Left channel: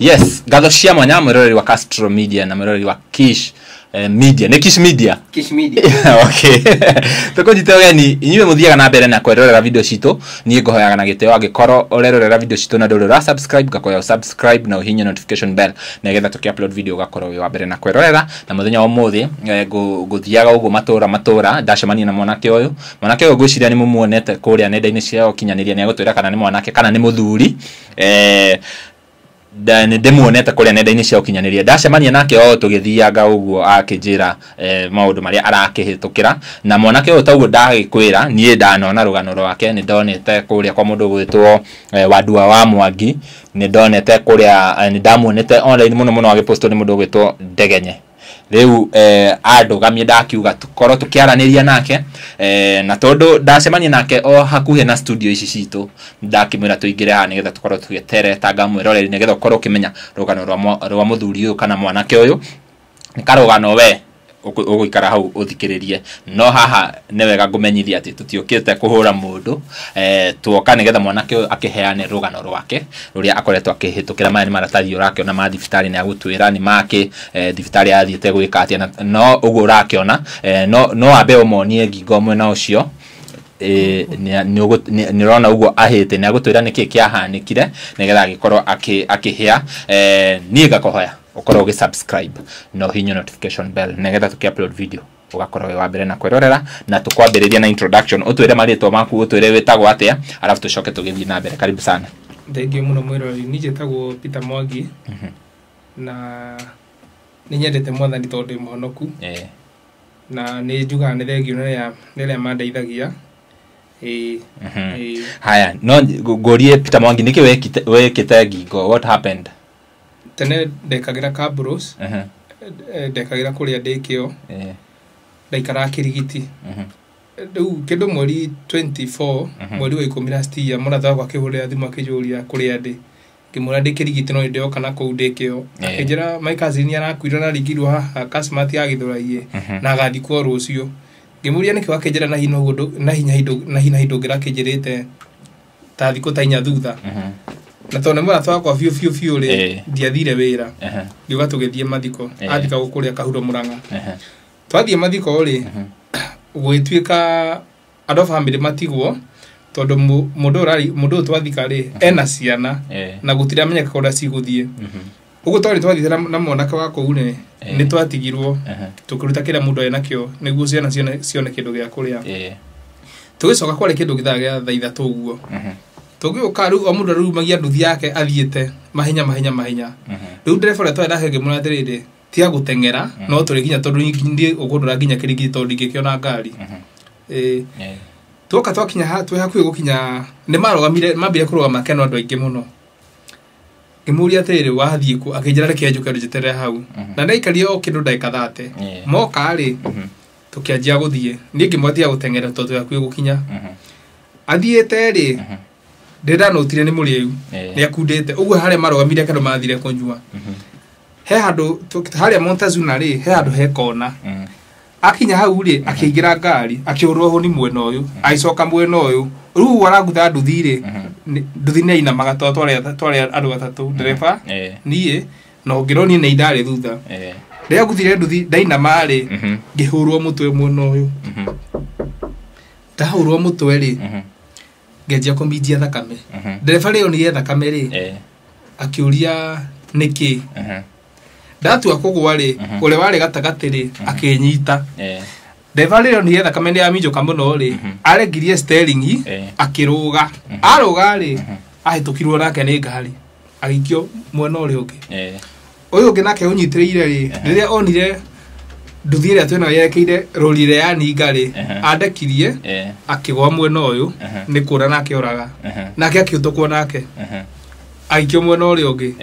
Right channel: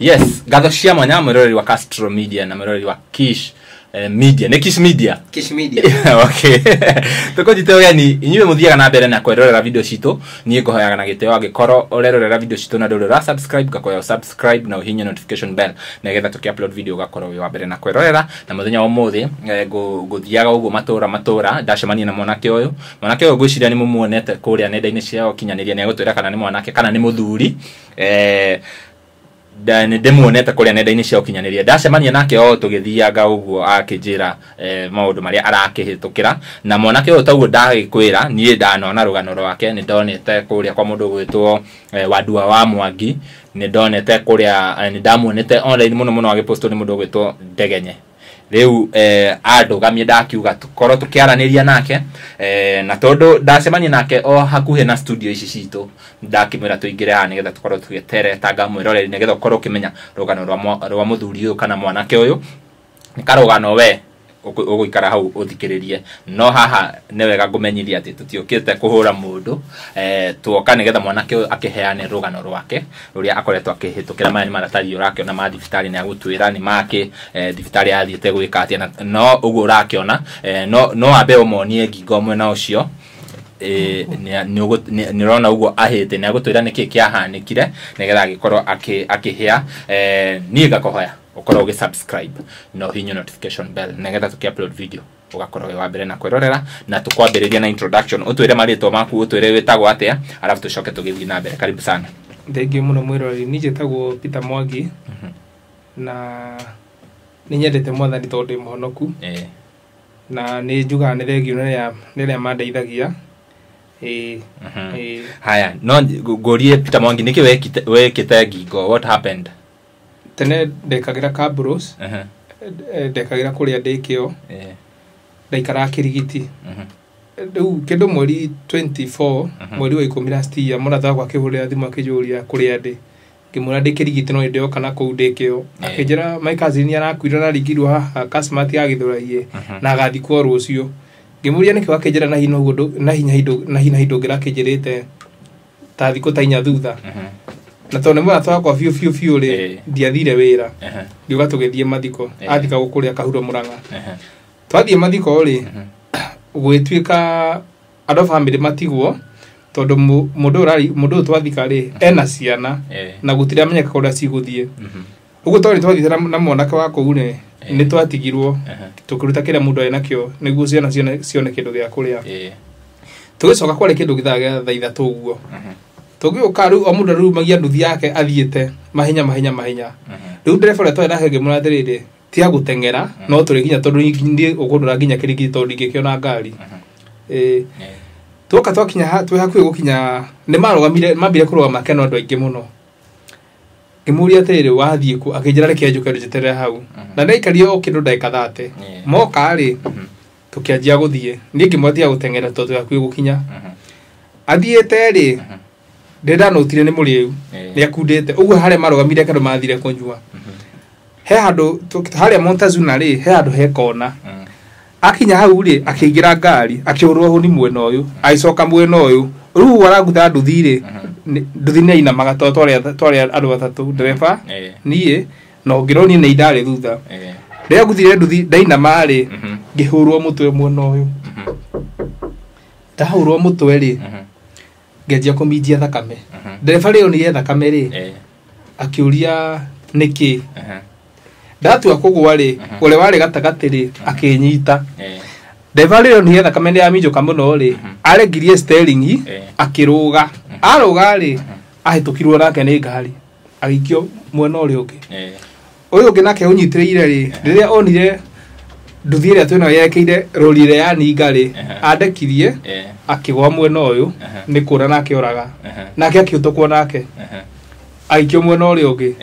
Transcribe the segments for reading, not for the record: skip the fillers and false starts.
Yes, gatho cia mwanya mwiroreri wa Castro Media na mwiroreri wa Kish Media. Ne Kish Media. Kish Media. Okay. Toko jito yani inyume muthiaga na mbere na kwerorera video cito nie ngohoyaga na giteo agikoro orerorera video cito na ndorora subscribe gakoya subscribe na uhinye notification bell na getha tukiupload video gakoro we wa mbere na kwerorera na muthenya wa muthi guthiaga ugu matora ndacemania na mwanake uyu gwiciria ni mumuonete kuria nenda-ini ciao kinyaniria ni agutwira kana ni mwanake kana ni muthuri dan demoneta kuria nenda-ini ciao kinyaniria ndacemania nake o tugithiaga uguo akinjira maundu maria arakihitukira na mwanake uyu taguo ndagikwira nie ndanona rugano rwake ni ndonete kuria kwa mundu gwitwo Wadua wa Mwangi ni ndonete kuria ni ndamuonete online muno agiposto ni mundu gwitwo Ndegenye riu andugamie ndakiuga tukoro tukiaraniria nake na tondu ndacemania nake o hakuhe na studio ici citu ndakimwira tuingire ha nigetha tukoro tugetere tanga mwiroreri nigetha ukoro ukimenya rugano rwa muthuri uyu kana mwanake uyu ni karugano we uguikara hau uthikiririe no haha newega ngumenyithia ati tutiokite kuhura mundu tuoka nigetha mwanake akiheane rugano rwake ruria akoretwo akihitukira mari maratario rake na mathibitari ni agutwira ni make thibitari athiete gwika atia no ugu rakiona no abe umonie ngingo mwe na ucio ni rona ugo ahete ni agutwira niki kiahanikire nigetha gikorwo akihia ni gakohoya ukoro ugi subscribe no hinyo notification bell negetha tukiupload video ugakora we wa mbere na kwerorera na tukwambiriria na introduction utwire marito maku utwire wetagwo atia alafu tucoke tugithi na mbere. Karibu sana. Thengiũ muno mwiroreri ni jetagwo Peter Mwangi na ni nyendete mwathani tondu muhonoku na ni njuga ni thengiũ niria mandeithagia haya no gorie Peter Mwangi niki wekite ngingo what happened tene ndekagira kabros ndekagira kuria ndikio ndaikara kirigiti riu kindu mweri 24 mweri wa 10 last year muratha kwa kihurira thimu akijuria kuria ndi ngimura ndikirigiti no ndio kana ku ndikio akinjira my cousin arakwira na rigirwo haha kasmati agithuraie na agathikwo rucio ngimuria niki wakinjira na hinya hindo ngira kinjirite ta thiko ta inya thutha na tone mwa twakwa fiu ri ndiathire wira ndiuga tugithie mathiko athika gukuria kahuro Murang'a twathie mathiko ri gwitwika ado family matigwo tondu mundu twathika ri ena ciana na gutira menya kuria ciguthie ugo tori twathire na mwanake wa kuune ni twatigirwo tukiruta kila mundu ena kio niguo ciana cione kindu gia kuria tugicoka kwari kindu githaga tha ithatu uguo tugiuka riu omundu riu magia nduthi yake athiete mahenya riu nderefora twenda henge murathirire ti agutengera no turi ginya tondu ndi ugundura ginya kirigi tondu ngikiona ngari tuka twakinya twi hakuhi gukinya ni marugamire mambire kurugama keno andu aingi muno ngimuri atirire wathie ku akinjira reke njuke njetere hau na ndaikario o kindu ndaika 30 moka ri tukianjia guthie ni ngimwatia gutengera tondu hakuhi gukinya athiete ri ndenda notire ni muriu ni akundete uguo hare marugamire kendo mathire kunyua he handu hare Montezuma ri he handu he kona akinya hau ri akigira ngari akiurwo huni mwena uyu aicoka mwena uyu riu waraguta nduthi ri nduthi ni ina magato tware andu atatu ndereba nie no ngironi ni idare thutha ria guthire nduthi ndaina mari ngihurwo mutwe mwena uyu tahurwo mutwe ri ngeja kuminjia thakame ndereba rio ni thakame ri akiuria niki ndatu akugwa ri ule wari gatagati ri akinyita ndereba rio ni thakame ni aminjuka muno ri aregirie steering akiruga aruga ri ahitukirwo nake ni ngari agikio mwena uri ungi uyu ungi nake unyitireire ri riria onire nduthi ria twena yekeire rorire ya ni ngari andekirie akigwa mwena uyu ni kura nake oraga nake akiutukwo nake aikio mwena uri ungi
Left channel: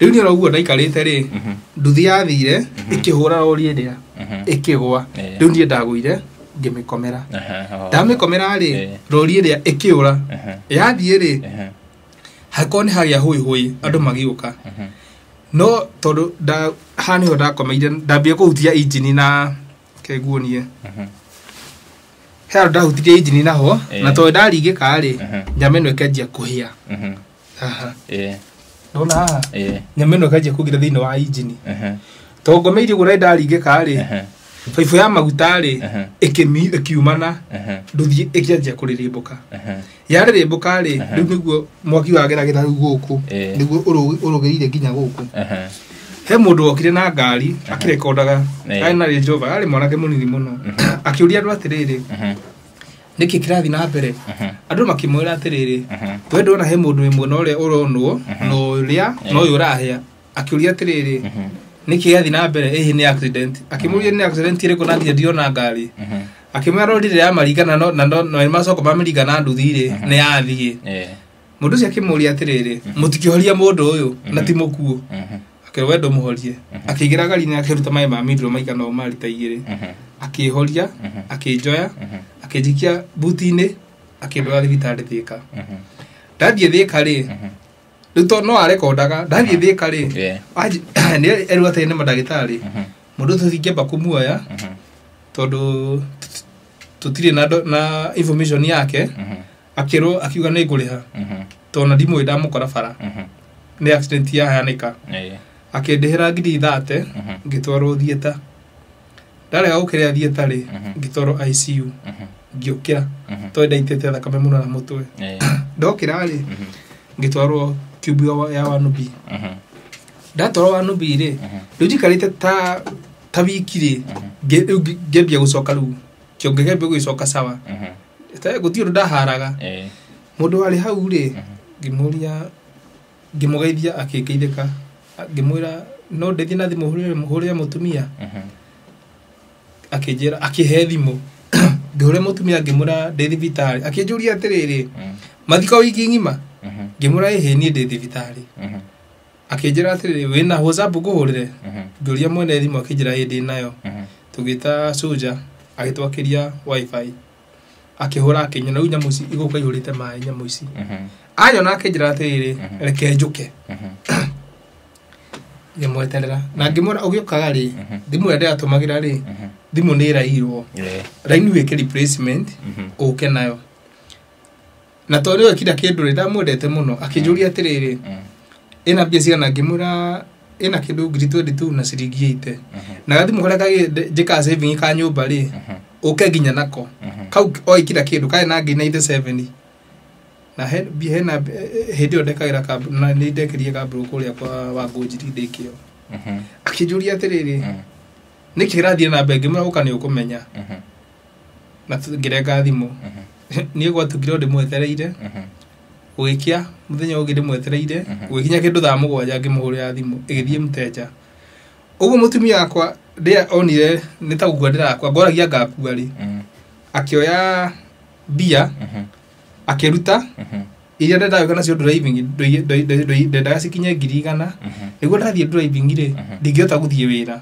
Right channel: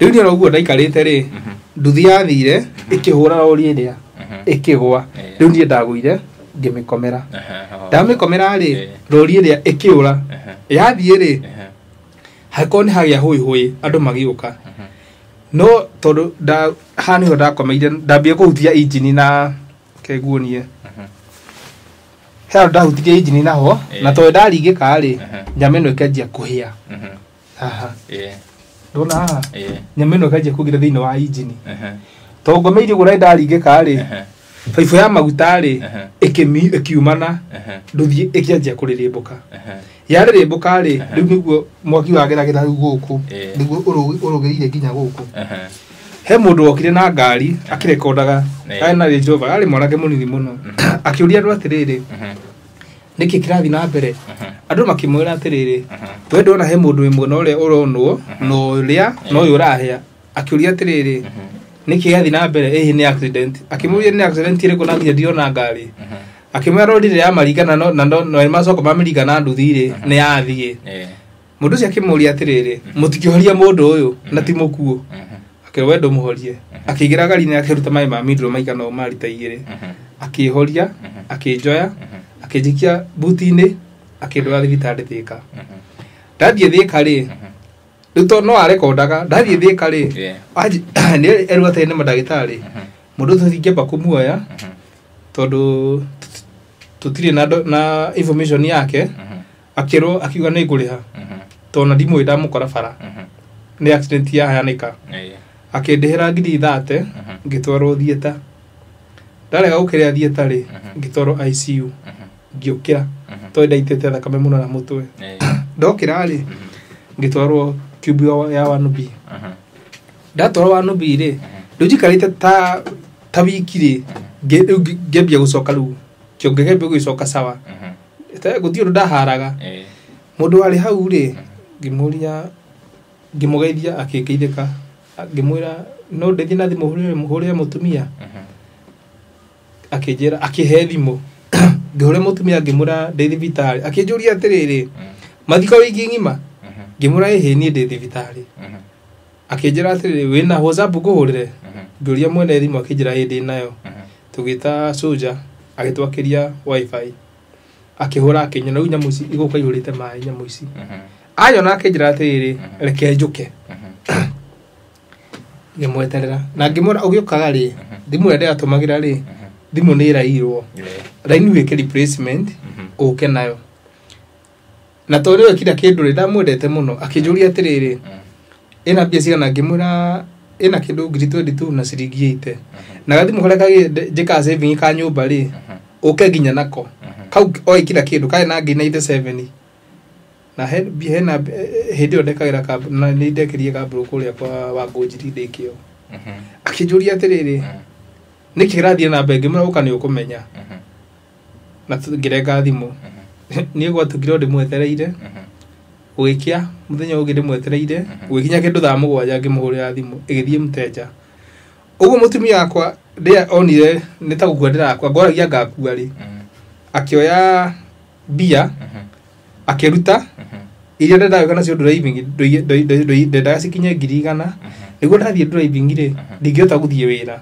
riu ni roguo ndaikarite ri nduthi yathire ikihura rori iria ikigwa riu ni ndaguire ngimikomera ndamikomera ri rori iria ikiura yathie ri hakoni hagia hui andu magiuka no tondu hani ho ndakomeire ndambie kuhutia engine na keguonie he ndahutirie engine naho na to ndarigika ri nyameno ikenjia kuhia aha ndona nyameno kaje kugira thini wa engine to ngomeiri gura ndaringika ri baibu ya maguta ri ikiumana nduthie ikianjia kuririmbuka yarirembuka ri riu niguo mwaki wageragira guku niguo urugeire nginya guku he mundu okire na ngari akirekondaga aina ri Jova ari mwanake munini muno akiuria andu atiriri niki kirathi na mbere andu makimwira atiriri we ndona he mundu imwe no ria uronwo no ria no urahia akiuria atiriri niki yathi na mbere ni accident akimuria ni accident ire kuna ndiona ngari akimwira rorire ya marigana no macoko mamirigana nduthire ni yathie mundu cia kimuria atiriri mutikihoria mundu uyu na ti mukuo akewendo muhorie akigira gari ni akiruta mai ma midro maika no mari ta igire akihoria akijoya akijikia butine akindora thibitari Thika ndathie Thika ri ruto no arekondaga ndathie Thika ri ni erwate ni madagitari mundu tuthingeba kumuoya tondu tutire na information yake akiro akiuga ni nguriha tona ndimwe ndamukora bara ni accident ya hanika akindihira ngiri 30 ngitwarwo thieta ndarega gukiria thieta ri ngitwarwo ICU ngiukira to ndaitete thakame muno na mutwe ndokira ri ngitwarwo cube ya wanubi ndatwarwo wanubi ri ndujikarite ta wiki ri ngebia gucoka ru kiongegebia gucoka sawa gutio ndaharaga mundu ari hau ri ngimuria ngimugeithia akikeitheka ngimwira no ndethi na thimu muhure mutumia akijera akihe thimu ngore mutumia ngimura ndethi vitari akinjuria atiriri mathiko wiki ngima ngimura ehe ni ndethi vitari akijera atiriri wina WhatsApp guhurire ngoria mwene thimu akijera hindi nayo tugita soja agitwakiria wifi akihura akinyona unya muci iguka ihurite mai nya muci ayo na akijera atiriri reke njuke yemweterera na ngimura ugiukaga ri thimu ende atumagira ri thimu ni irairwo raini weke replacement uke nayo na tori wekira kindu ri ndamwendete muno akinjuria atiriri ina bia cia na ngimura ina kindu ngiri 22 na ciringi 8 na gathimu karia kage jika saving ka nyumba ri uke nginya nako kau oikira kindu kai na ngina 7 na hena hindi ondekagira kambu na ni ndekirie kambu kuria kwa Wangũnjiri ndikio akijuria atiriri niki kirathie na mbere ngimura ukani ukumenya na ngirenga thimu ni gwatukire ndimwetereire wikia muthenya ugi ndimwetereire wikinya kindu thaa 7 ngimuhurira thimu igithie muteja ugu mutumia akwa ndia onire nitagukua ndirakwa ngoragia ngakua ri akioya bia akiruta iria ndendaga kana cio driving ndendaga cikinye 100 niguo ndathie driving ri ndingiota guthie wira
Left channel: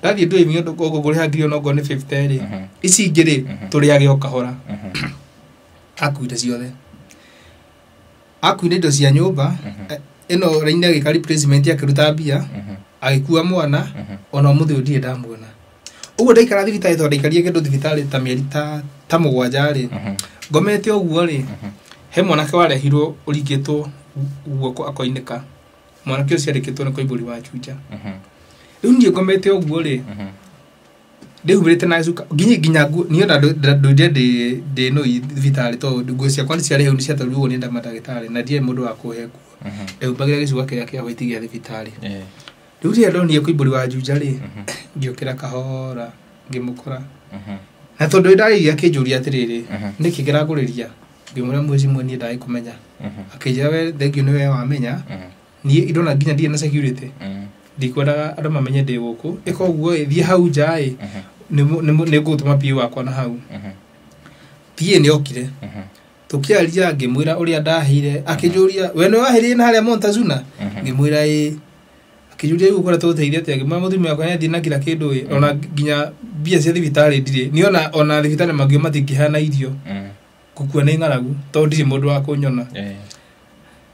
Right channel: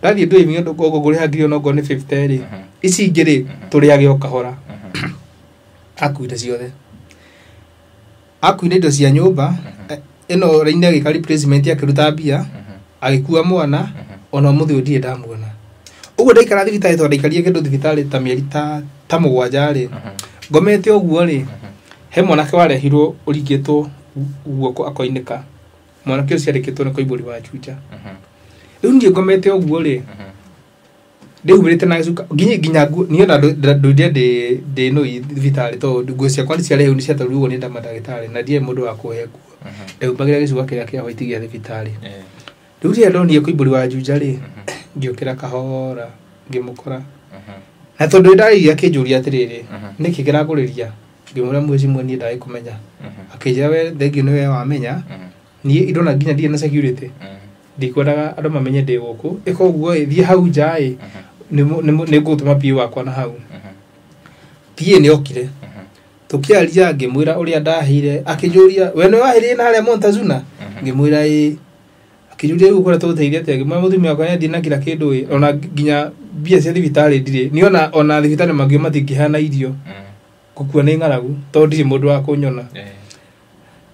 ndathie driving ngogo nguriha ngiri ongo ni 50 ri ici ngiri turiage okahora akuire ciothe akuire indo cia nyumba ino raine gikari replacement akiruta bia agikua mwana ona muthi ndie ndamuona ugo ndaikara thibitari to ndaikarie kindu thibitari ta mieri ta 7 ri ngomete oguo ri he mwanake warehirwo urigitwo guoko akoinika mwanake ucio arikitwo ni koiburi wa chucha riu ndie ngomete oguo ri ndehubirite na cuka nginya niona de no thibitari to nguo cia kwani cia rehu ni cia taruo ni ndamadagitari na ndie mundu wa kuheku ndehubagira gicuka kia white gia thibitari riu ria ndonire koiburi wa chucha ri ngiukira kahora ngimukora na tondu ndairia kinjuria atiriri niki kiraguriria ngimura mwezi mweni ndai kumenya akija we thengio niwe wamenya ni indona nginya ndie na security ndikwenda andu mamenye ndi guku ikoguo thie hau njai ni ngutuma pio wakwa na hau tie ni okire tukiaria ngimwira uria ndahire akinjuria we ni wahire na haria Montezuma ngimwira akijuria gukora tuteithia ati ngimwira muthumia kwa yathi na kila kindu ona nginya bia cia thibitari ndire ni ona thibitari mangio matingihana irio gukua ni ngaragu to ndiri mundu wa kunyona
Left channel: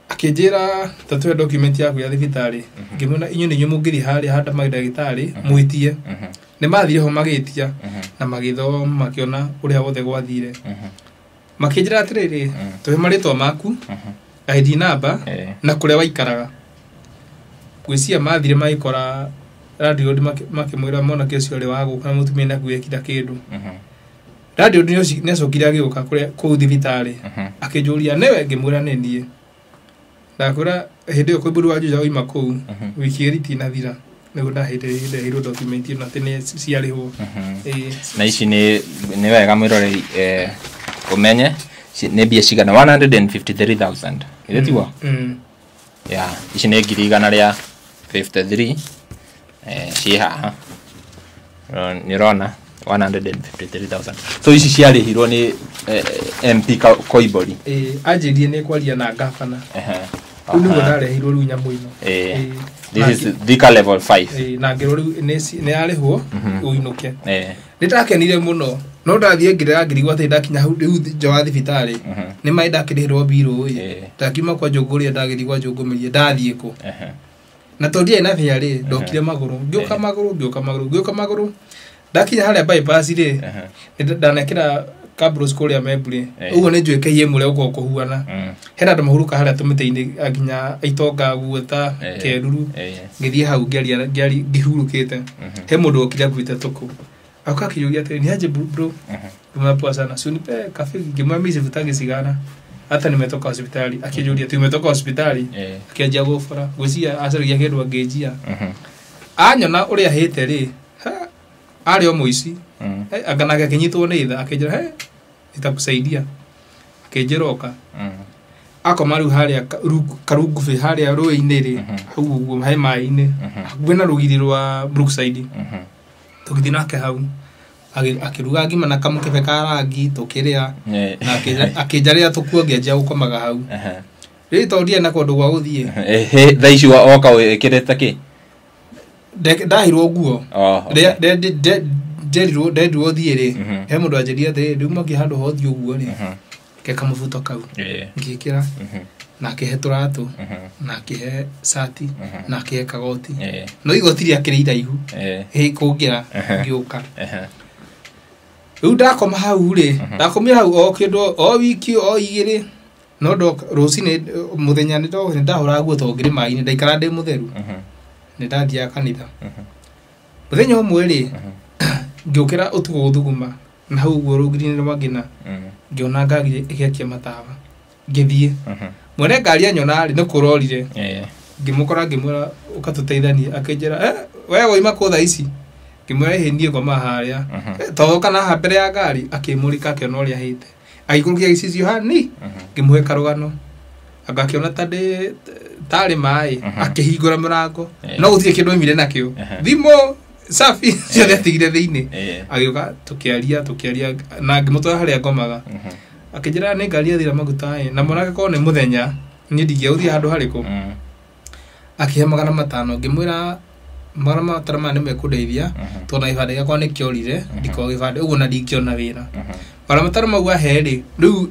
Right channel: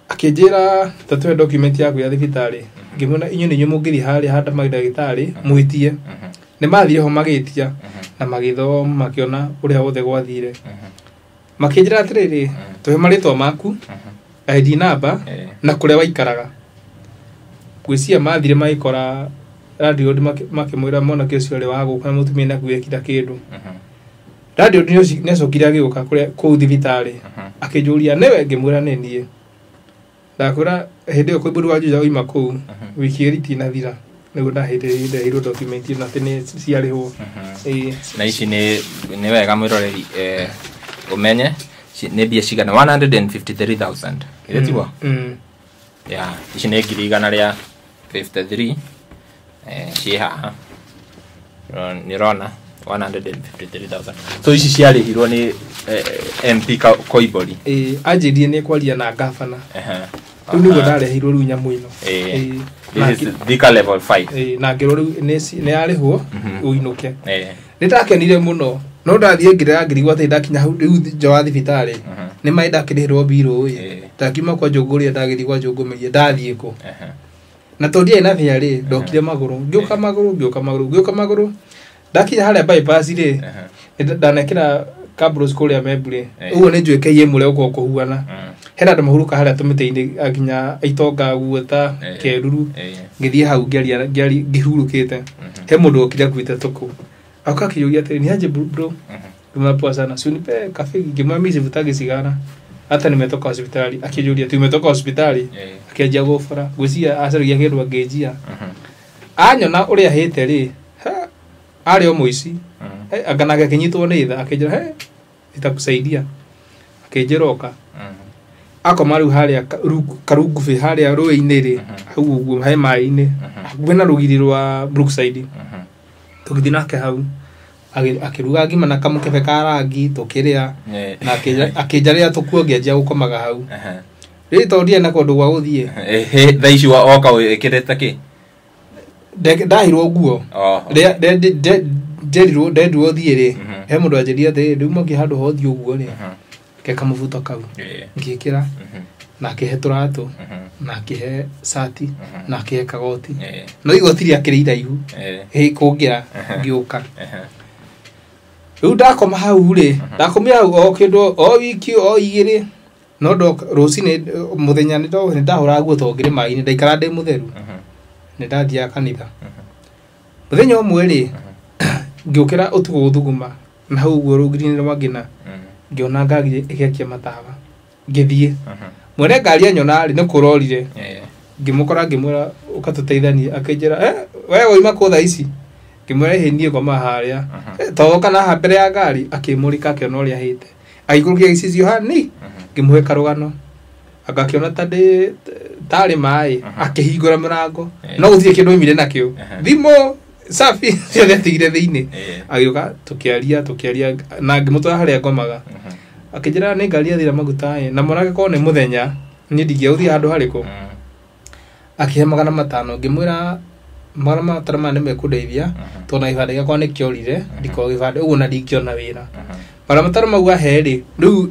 akinjira tatwe document yaku ya thibitari ngimwira inyu ni nyumugiri hari handa magdagitari mwitie ni mathire ho magitia na magithoma makiona uria wothe gwathire makinjira atiriri tuhe maritwa maku ID number na kuria waikaraga gwĩcia mathire maikora radio makĩmwĩra mwana kĩcio ari wago kana mutumia na gwĩkira kĩndũ radio nĩ acokire agĩũka kũu thibitarĩ akĩnjũria newe ngĩmwĩra nĩ niĩ ndakwĩra hĩndĩ ĩyo kwĩbũrũ wa juja oima kũu wiki ĩrĩ tinathira nĩguo ndahĩndĩrĩire hero document ĩno atĩ nĩ ciarĩhwo na ici nĩ wega mwĩroreri umenye nĩ mbia cigana 153,000 ile tiwa ya ici nĩ ngiri igana rĩa 53 ciĩ haha nĩ rona 153,000 so ici ciarĩhirwo nĩ MP Koibori anjĩrie nĩ kwaria na gavana rĩu nĩguo ndarehirwo rĩu nyamũ ĩno this is Thika level 5 na ngĩrwo rĩu nĩ yarĩhwo ũinũke nĩ ndakenire mũno no ndathiĩ ngĩrega ngĩrigwo atĩ ndakinya hau rĩu nja wa thibitarĩ nĩ maĩ ndakĩrĩhĩrwo mbirũ ndakiuma kwa Njũngũria ndagĩthiĩ kwa Njũngũmeria ndathiĩ kũ na tondĩ ena thiarĩ ndokire magũrũ ngĩũka magũrũ ndakinya harĩa bypass rĩ ndanekĩra Kabros kũrĩa Membure ũguo nĩ njũĩkĩie mũrĩa ũko kũhuana hena andũ mahuruka harĩa tũmĩtĩ-inĩ aginya Itonga guota Keruru ngĩthiĩ hau ngĩhurũkĩte he mũndũ okire kuita toko akakĩyũria atĩ ni aje bro tumepoa sana si unipe kafe ngĩmwambia sivutagi sigara hata nimetoka hospitali akijũria tumetoka hospitali akĩanjia gũbara gwĩcia acaragia kĩndũ angĩnjia anyona ũrĩa hĩte rĩ arĩ o mũici akanaga akinyitwo nĩ tha akĩnjĩra nitakusaidia akĩnjĩroka akoma rĩu harĩa karungubi harĩa rũĩ-inĩ rĩ hau ũguo he maĩ-inĩ hakuhĩ na rũgiri rwa Brookside tũgĩthiĩ nake hau akĩruga ngima na kamũkebe ka rangi tũkĩrĩa na akĩnjarĩra tũkuongĩanjia gũkomaga hau rĩu tondĩ ena kũndũ gwa gũthiĩ thaa ici woka wĩkĩrĩte kĩ ndahirwo nguo ndendirwo thiĩ rĩ he mũndũ anjĩria atĩ rĩu mangĩ handũ hothi ũguo rĩ keka mũbuto kau ngĩkĩra na akĩhe tũratũ na akĩhe sati na akĩhe kagoti no igoti rĩake rĩ iraihu kũngĩra ngĩũka rĩu ndakoma hau rĩ ndakomire hau o kĩndũ o wiki o igĩrĩ no rũcinĩ mũthenya nĩ ndahũraga nguo tondũ ngĩrĩ maĩ-inĩ ndaikara ndĩ mũtheru nĩ ndathiaga kanitha mũthenya ũmwe rĩ ngĩũkĩra ũtukũ gũthuguma na hau ũguo rũgiri-inĩ rwa Ngina ngĩona ngari ĩgĩakia matawa ngĩthiĩ mwene ngari anyona rĩ nĩ kũrorire ngĩmũkora ngĩmwĩra ũkatũteithanie akĩnjĩra we woima kũ thaa ici ngĩmwĩra ĩ niĩ ngoma harĩa toka na mbere ya ngari akĩmũrika akĩona ũrĩa hĩte agĩikũrũkia gĩcicio hani ngĩmũhe karũgano agakĩona tarĩ maĩ akĩhingũra mũrango no gũtirĩ kĩndũ oimire nakĩo thimũ safi ciothe atigire thĩinĩ agĩũka tũkĩaria na ngĩmũtwara harĩa ngomaga akĩnjĩra nĩ ngari yathira maguta na mwanake korwo nĩ mũthenya niĩ ndingĩagũthiĩ handũ harĩkũ akĩhe 500 ngĩmwĩra 500 maya nĩ mekũndeithia tondũ na gĩbandĩ gĩakwa nĩ kĩorire ndiko gĩbandĩ ũguo na ndingĩona wĩra 500 mau ahe rĩ rĩu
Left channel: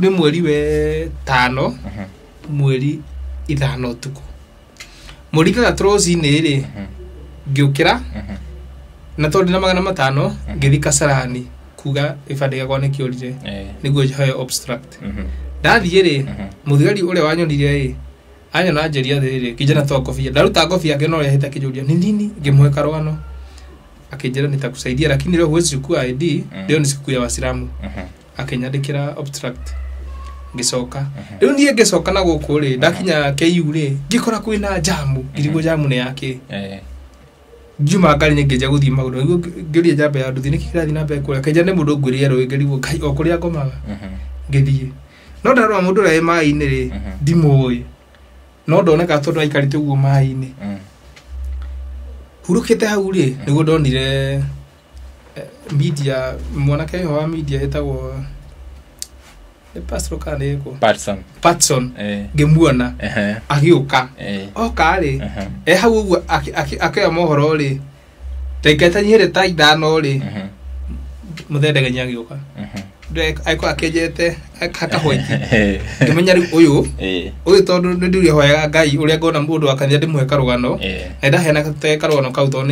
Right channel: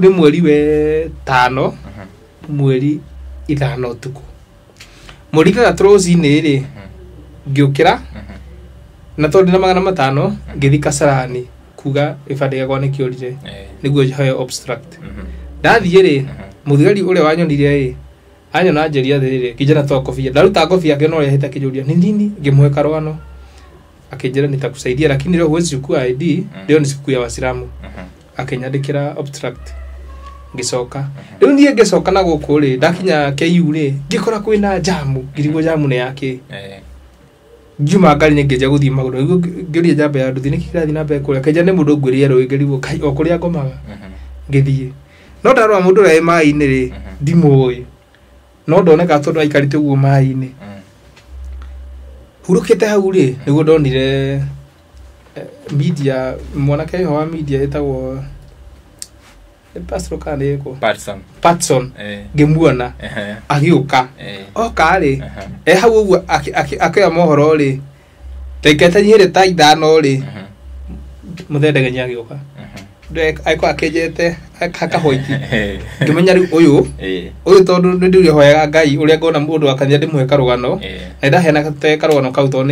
nĩ mweri we 5 mweri 5 ũtukũ mweri 3 rũcinĩ rĩ ngĩũkĩra na tondũ na 500 ngĩthiĩ Kasarani kuga gĩbandĩ gĩakwa nĩ kĩorire nĩguo heo obstruct ndathiĩ rĩ mũthigari ũrĩa wanyonire rĩ anyona anjĩria atĩrĩrĩ kijana toa kofia ndaruta kofia akĩona ũrĩa hĩta kĩjũria nĩ nini ngĩmũhe karũgano akĩnjĩra nitakusaidia lakini leo huwezi chukua ID leo ni siku ya Waislamu akĩnyandĩkĩra obstruct ngĩcoka rĩu niĩ ngĩcoka na gũkũ rĩ ndakinya KU rĩ ngĩkora kwĩna jamu ngĩrigwo jamu nĩ yake njuma ngari nĩ ngĩnja gũthiĩ magũrũ ngĩũria njamba ya nduthi nĩ kĩrathi na mbere kũrĩa kaija nĩ mũndũ ngwĩrĩe rũĩ ngĩrigwo kai o kũrĩa ngomaga ngĩthiĩ no ndarora mũndũ ũrĩa maĩ-inĩ rĩ ndimũĩ no ndoneka tondũ aikarĩte ũguo maĩ-inĩ hurũkĩte hau rĩ nĩguo ndonire media mwanake wa media ĩtagwo pastor kane yeko Patson ngemuona agĩũka oka rĩ hau ũguo akĩoya mohoro rĩ taikete nyere ta 5 rĩ mũthendegenya agĩũka aiko akĩnjete akahoiti ngĩmenya rĩu ũyũ tondũ nĩ ndĩrĩ hoyaga Ngai ũrĩa ngona mũndũ akanĩa ndĩmũhe karũgano na ndaheana karũgano kau tondũ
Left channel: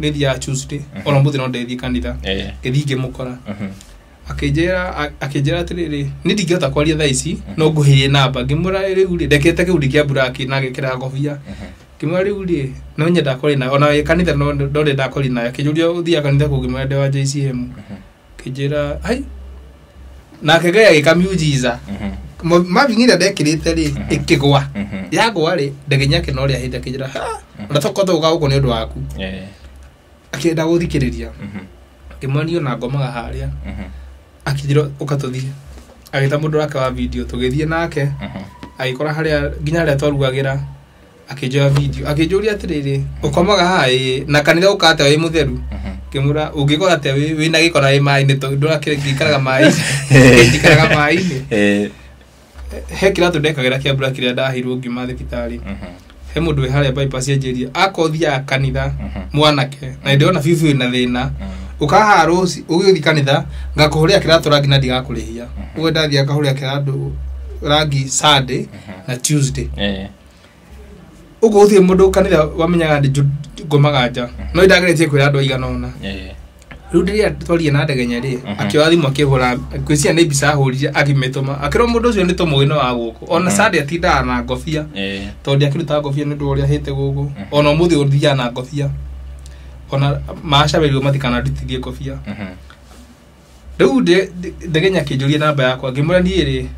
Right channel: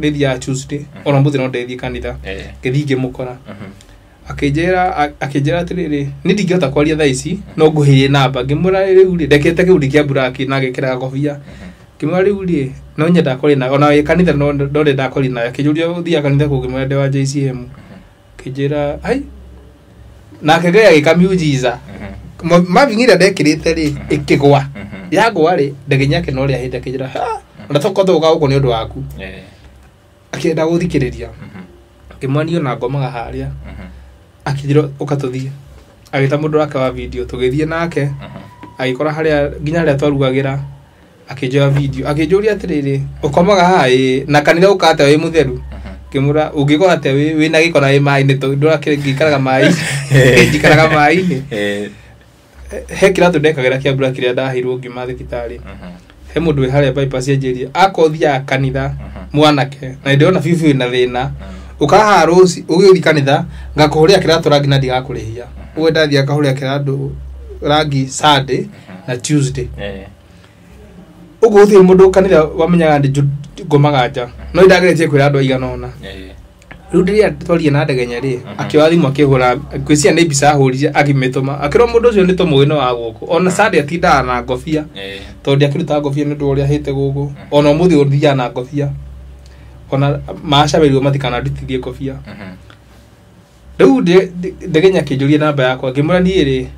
nĩ thia Tuesday ona mũthenya ndĩthiĩ kanitha ngĩthiĩ ngĩmũkora akijera atiriri ni ndingĩhota kwaria thaa ici no nguhie namba ngimura riu ri ndekete kiundi kia buraki na gikira ngobia ngimura riu ri no nyenda kuri na ona kanitha no ndenda kuri na akijuria uthia kanitha kugimura de wa JCM kijera ai na kegea gikamujiza mavingira ndekirite ri ikigwa yagwa ri ndegenyake no ri ahinde kijera ndatokoto uga ni undu waku akienda guthikiriria kimwanio na ngomaga haria akithiro ukatuthie agita mundu wake wa video tugithie nake agikora haria nginya haria twarugagira akijoya video akijuria atiriri ukomaga hai na kanitha ukate wi mutheru kimura ungikora ate wi na gikora wi mai-ini tondu akikaraga mai ikaraga mai-ini he kira ndekagira kia mbura kiria ndahirwo ngima thibitari he mundu wi haria bypass enjeria akothia kanitha mwanake na ndiona fifi na thina ukaha rosi ugiuthi kanitha ngakuhuria kiratu rangi na ndigakurihia uwe ndathia akahuria kiratu rangi Sunday na Tuesday uguthi mundu kanitha wamenyaga ndi ngomagaja no ndageretie kwira andu aigana ona riu ndiria twarie na ndegenya ri akioa thimu akihura kwisia ni bisa ahurire agimetoma akiro mundu ucio ni tomwino wa guku ona Sunday atinda na ngofia tondu akiruta ngofia ni ndu uria hite guku ona muthi uthia na ngofia ona maashaberio matikana ndutithie ngofia riu ndegenya kijuria namba yakwa ngimura ndiiri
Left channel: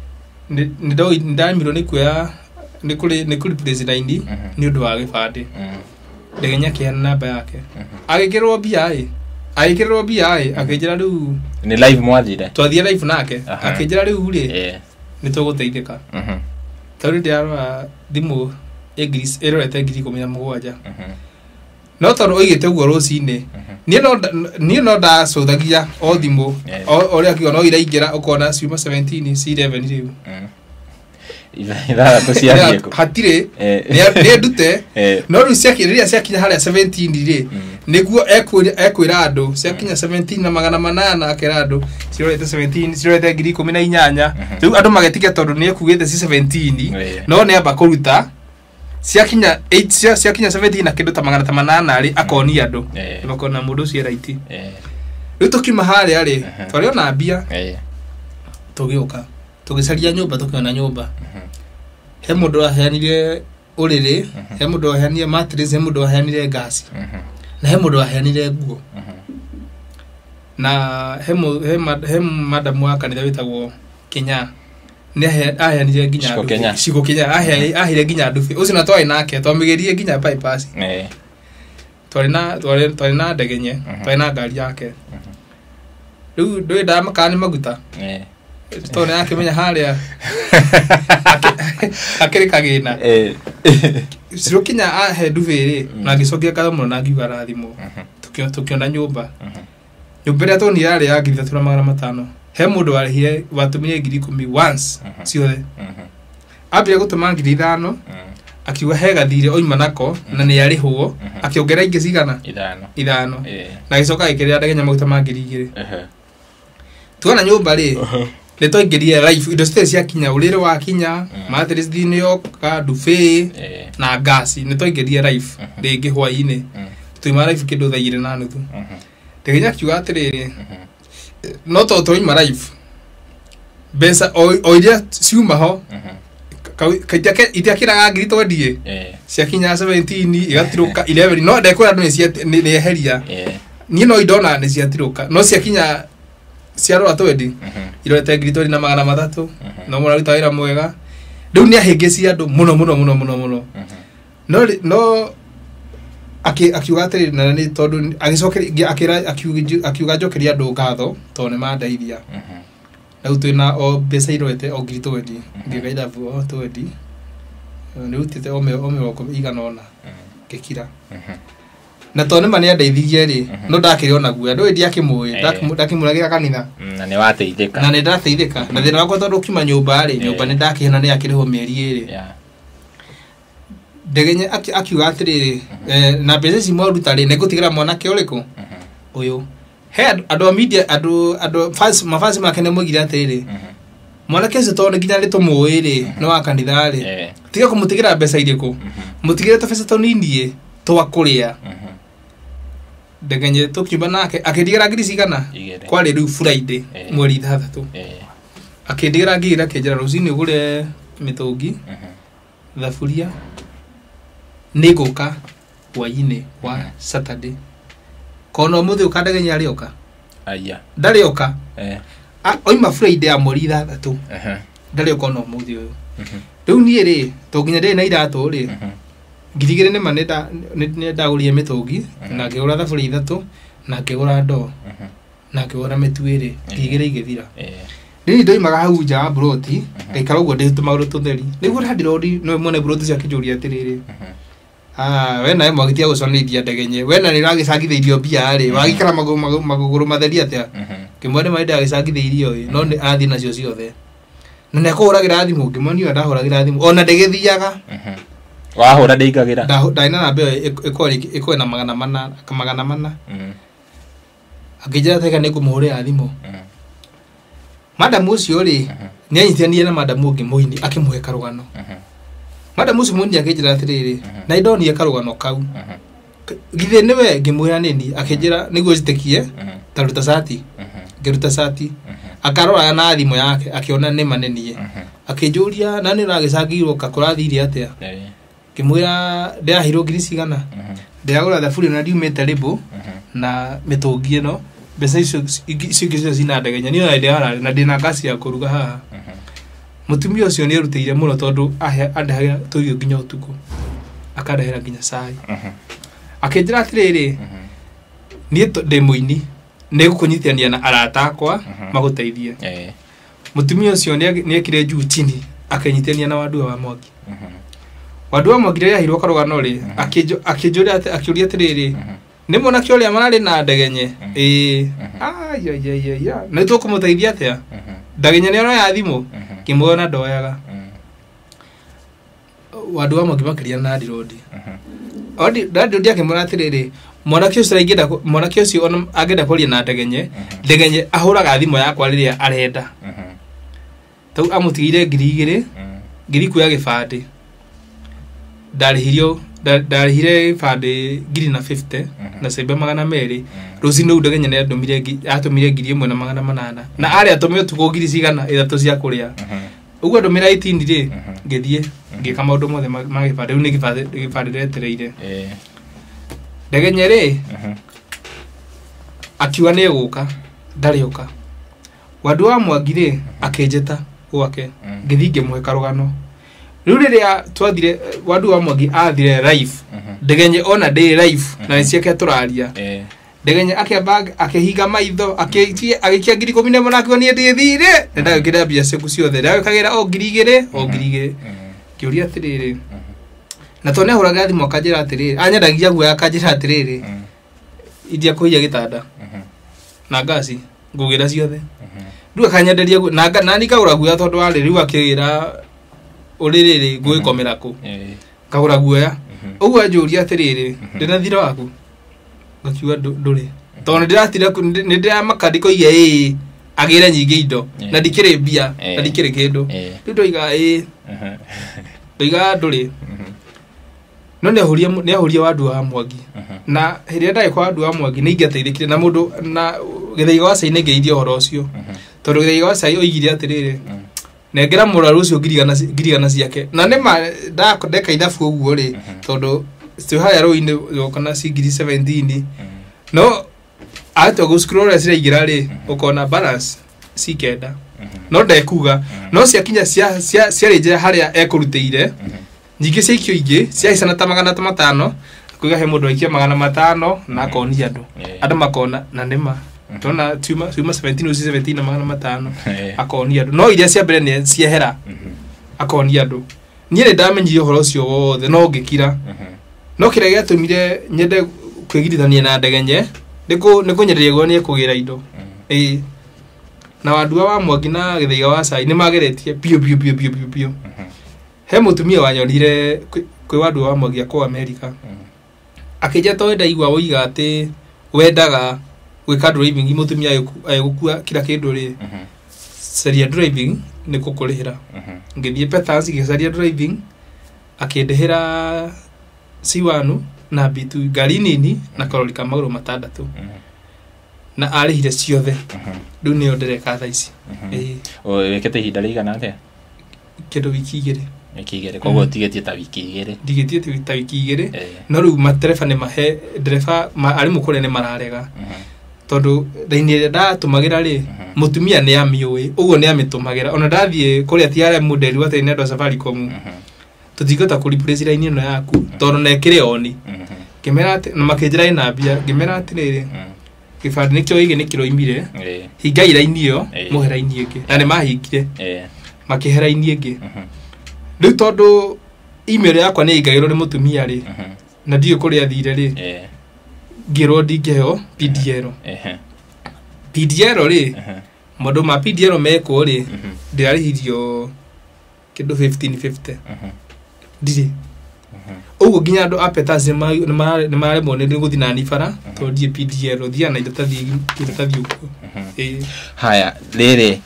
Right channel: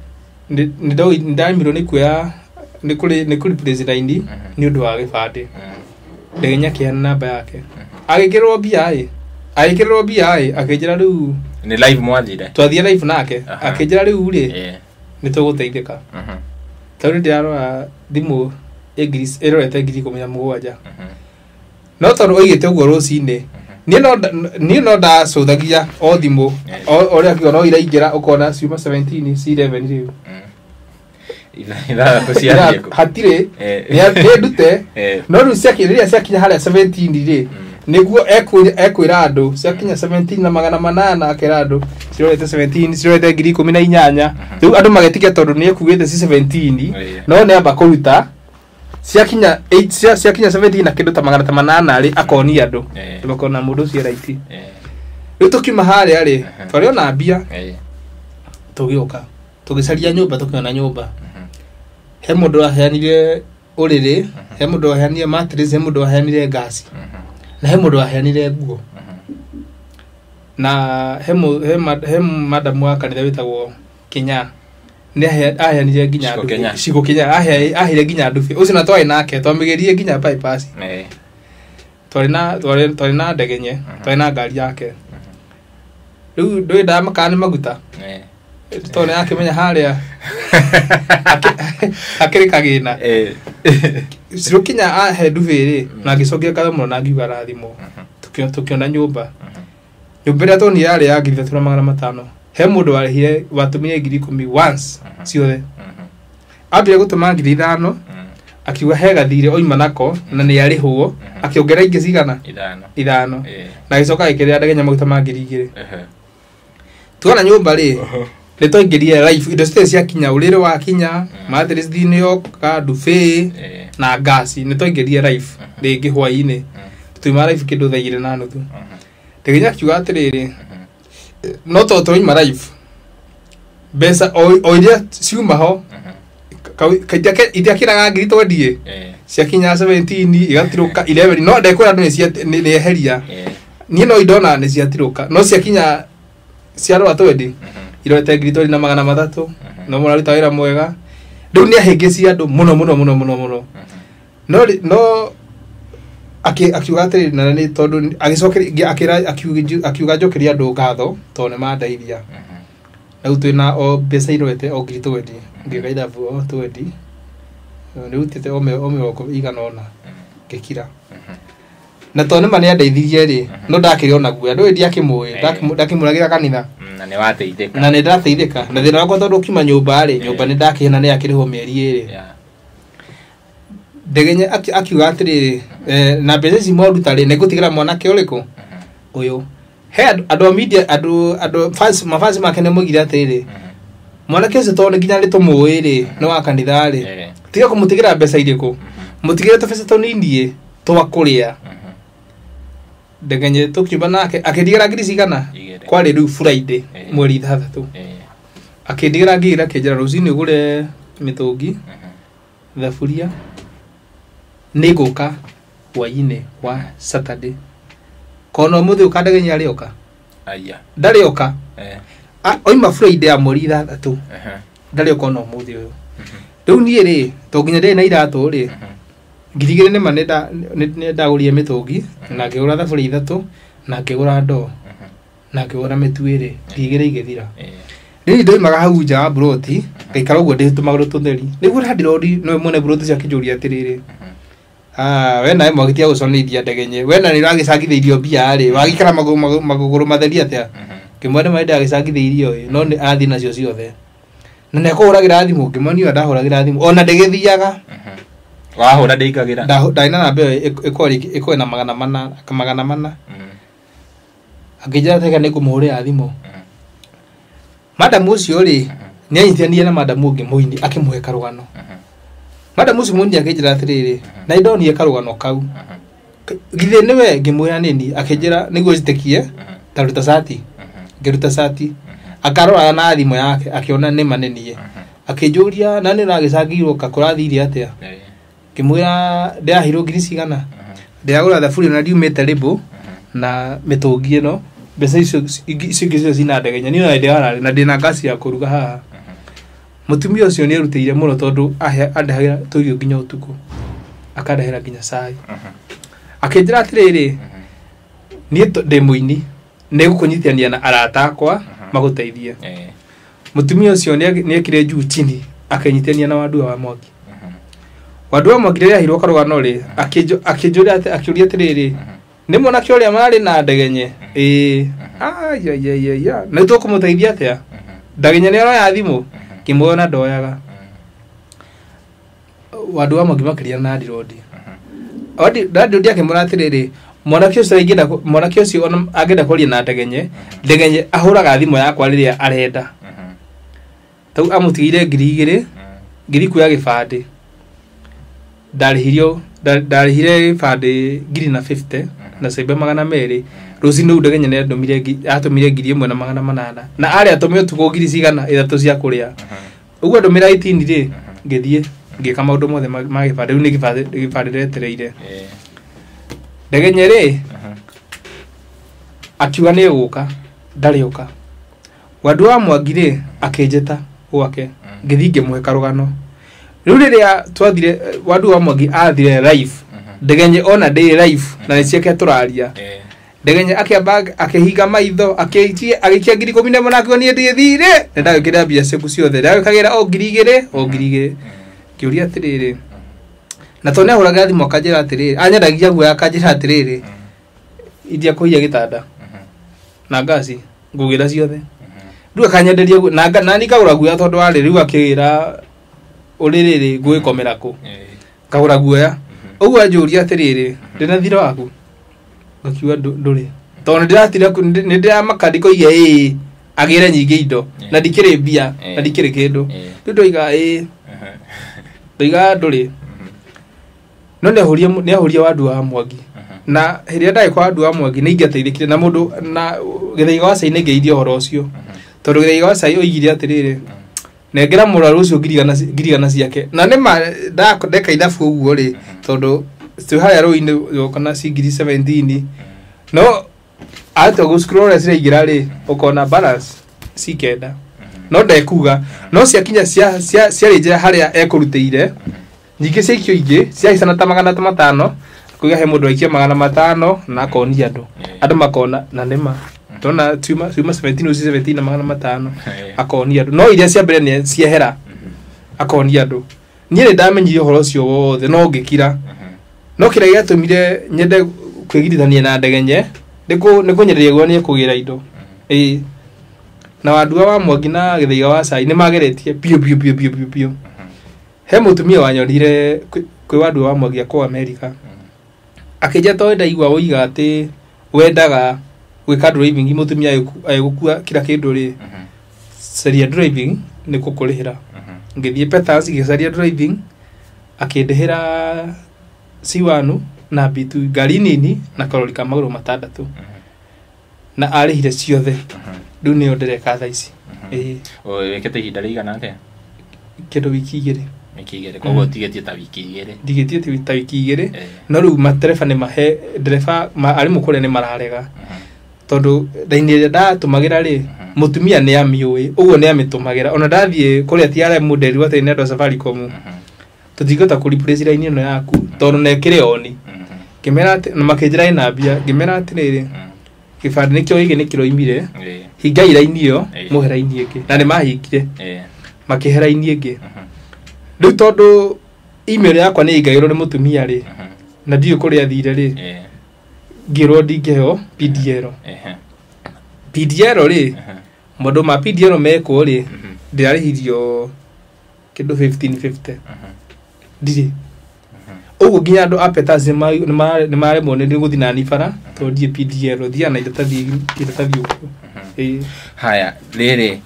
ndamirwo ni kuya ni kuri president ni undu wa gibande ndegenya kiana namba yake agikirwo BI akijira riu ni live mwathire twathie live nake akijira riu ri ni tuguteithika tondu ndiarora thimu English erorete ngiri 17 no tondu oigite uguo rucini ni no ndacuthagia o thimu oria kiona no iraingira ukona ciuma 17 C11 riu hatire ni ndute no riu ciakiria ciakinya haria 17 ri niguo ekwira andu ciakinya 17 na 800 akira andu cirorete 17 cirorete ngiri 18 riu andu magetikia tondu ni ekuite ci 17 no ni amba kuruta ciakinya 8 ciakinya 17 na kindu ta 800 ri akoni andu ngokona mundu cio right riu tukima haria ri twariona mbia tugioka tugicaria nyumba tukiona nyumba he mundu aheanire uriri he mundu aheanire mattress he mundu aheanire gas na he mundu aheanire nguo na he madam wa kanitha witagwo Kenya ni aheanire nginya cigo Kenya ahire nginya ndubi ucio na twai nake twamugerie nginya bypass twari na ndegenye twari na ngari yake riu ndwenda makani maguta tone yake menya haria akiri kagina ciro Kenya ahe ndubi ri na gicokia katho na ngiuga rathimo tukiona nyumba ria toni yari ya ngiri 3,500 he mundu arihire watumire ngiri 10 once ciothe ambia gutuma ngiri 5 akiuga he gathire oima nako na ni arihwo akiongera ingi cigana 5 na gicoka ikiria ndegenya maguta ma ngiri 2 tuona nyumba ri ni toingirie life indo ciothe cia kinya urire wa kinya mattress thini yo ka dufe na gas ni toingirie life ringi hwaini tuima life kindu thaire na nuthu ndegenya kiuga atiriri no to toima life besa oiria ciuma ho kaitake itiakiraga ngiri twendie ciakinya 17 igatiruka 11 no ndekora andu ni eheria ni no idona ni ciatiruka no ciakinya ciarora twendi irorete ngiri 3,300 no muraruta wira mwega riu ni ahingeci andu muno no akiuga atiri na ni tondu agicokeria akiuga njokeria andu ngatho tondu mandaithia riu twina o mbeca irorete o ngiri 20 ngikaida vuo 20 riu tete oko igana ona ngikira na tondu mani andaithirie ri no ndakiri ona guya ndu ndi akimui ndakimuragira kanitha na ni wateithika na ni ndateithika na thina wakwa tondu kima nyumba ri nyumba ni ndakihena ni akiriho mieri iri ndegenya akiuga atiri na mbeca ici mwaruta ri nigutigira mwanake uriku uyu he andu a media andu mafasi make ne mugire atiri mwanake ucio tondu nginya ri tumui ri no wa kanitha ri tiga kumutigira mbeca iriku mutigire tubeca tunini twa kuria ndegenye tukiuba nake akindigera ngiri cigana kwari riu Friday mweri 3 akindigera ngira kinjira rucini ugure mitungi thaburia niguka waine wa Saturday kono muthi ukandegenya arioka aya ndarioka oima Friday ya mweri 3 ndarioka no muthi uyu riu nie ri to nginya ndi na iratu ri ngirigire ni manenda ndagurie mitungi na ngigura thaburia 3 na ngigura ndo na ngigura mituire ngigire igithira ni ndoimaga hau nja broti ngaikara uguo nditumaga tutheri niguo ndirodi no mwene broti cia kijuria atiriri wena mwagitia guconithia ndegenye wena niragicangitheirio mbia ri wagikara maguguru matheri atia kimwene maida agicangitheirio no ni athi nacio ciothe na nekuragira thimu ngimoni ndahuragira thimu ona ndegithiaga wahura ndeigagira ndaina na mbe iko na magana mana akija teka nikumuhurira thimu madam ucio ri nianyitania na madam ungi muini akimuhe karugano madam ucio muini akijira atiriri na idoni karugano kau githe niwe ngimwira nini akijira niguo zitekie taruta sati ngiruta sati akarora na thimu yake akiona ni manenie akijuria na ni ragicangirwo kakurathiri atia kimwira ndahiro ngiri cigana ndagura thaburi na ndiumite ribo na mitungi ino besa icio icio cina ndegenya ni na ndehara na ndina gasi ya kuruga haha mutumia ucio ni arutire muno tondu andahagira tuirio nginya utuku akandahira nginya cai akinjira atiriri ni ndi muini ni gukunyitania na arata akwa maguteithie mutumia ucio ni ekire juu chini akanyitania na wadu wa Mwangi wadu wa Mwangi ya hiro karugano ri akijuria atiriri ni mwana kioria mari na ndegenye ya na tu kumuteithia atia ndegenye ni ora ya thimu kimwona ndoyaga wadu wa Mwangi makiria na ndirodi odi ndirodi akimwona atiriri mwana kiocio agenda kuria na ndegenye ahuraga thimu yakwa riria arenda tau amutigire ngiri kuya gibande ndarihire bande ngiri na 50 na saiba 200 rucini ndegenye ne atumire ngiri 1,800 na ari atumire tuko ngiri cigana ithatu cia kuria uguo ndumira 18 ri ngithie ngika maundu mothe ma gibande ni gibande retereire ndegenye ri akiwa ni guka ndarioka wadu wa Mwangi ri akinjeta gwake ngithi ngimuhe karugano riu riria twathire wadu wa Mwangi athire live ndegenye ona day live na ciake turaria ndegenye akihiga maitho agikia ngiri 10 nake ni ndithire ndagikira bia ciaku ciothe ndagikagira o ngiri 2 kiuria atiriri na tone ahuraga thimu akanjira atiriri anyendagia guo akanjira atiriri idia kuia gitanda na ngasi ngugira ciothe riu akanyenderia na nikagura guo tondu ari riu akigira uririri nguikomera ku kagura guoya uguo anjuria atiriri ndina thira waku ngakiwa nduri tondu ndiratira ni ndira makandiko iye agire nyingi indo na ndikire mbia na ndikire kindu ndoiga ndoiga nduri no ne ahuria wadu wa Mwangi na hiria ndai kwa wadu wa Mwangi ni ingiateithikire na mundu na githaiga wa Cai ngeithio horo ucio tondu githaiga wa Cai oigire atiriri nengera muraru ucio ngirigana ciake na nima ndeka ithabu uguo ri tondu stu haya roine yokana ngiri 17 no ato go scroll asira igira ri ukona balance sikenda no ndekuga no ciakinya cia reje haria ekurutire nyingi cikio ingi cia isana ta 500 kuiga he mundu aikia 500 na konia andu makona na nima tona tuma 17 na 500 akonia no iria cia mbere ni ciehera akonia andu nyire ndamenyire horo ucio wothe no ngikira no kira giatumire nyende kwigirithania na ndegenye nikunyereria gwo ni kugira indo na wadua wa Mwangi na githaiga wa Cai ni mageretie pio he mutumia wanyonire kwi wadua wa Mwangi kwa America akija toenda igwa uiga ati wendaga gwika driving mutumia ayegukua kila kindu ri seria driving ni kukurihira ngithie Peters gicaria driving akindehera C1 na bitu ngari nini na karori ka maguru matandatu na arihire ciothe riu ni ndereka tha ici wikete ihinda rigana ke kindu wiki igiri koguo tigetie ta wiki igiri ndigetie ta wiki igiri no riu matereba ni mahe ndereba ari mukure ni mararega tondu ndaini ndatumagira ri mutumia ni amiui uguo ni amitumagira ona ndathie kuria tiare model wate ni ndo Safaricom tutigota ku replace line ino yaku tondu nekire oni kimera na makinjira ina bia ngimera atiriri kibandi nikio igi nikiro imire hinga line iyo muhera ine ingi na ni mahingire makihera ine ingi riu tondu email yakwa ni ingagirwo ni mutumia ri na ndio kuria thire ri ngirwo ndingeheo PDL ri mondo ma PDL meko ri ndirarihirio kindu 1550 ndiri ugu ginya ndo apetaze ni mare mone ndi guthi na nifara to die PDL thia na iratathi uko haya riri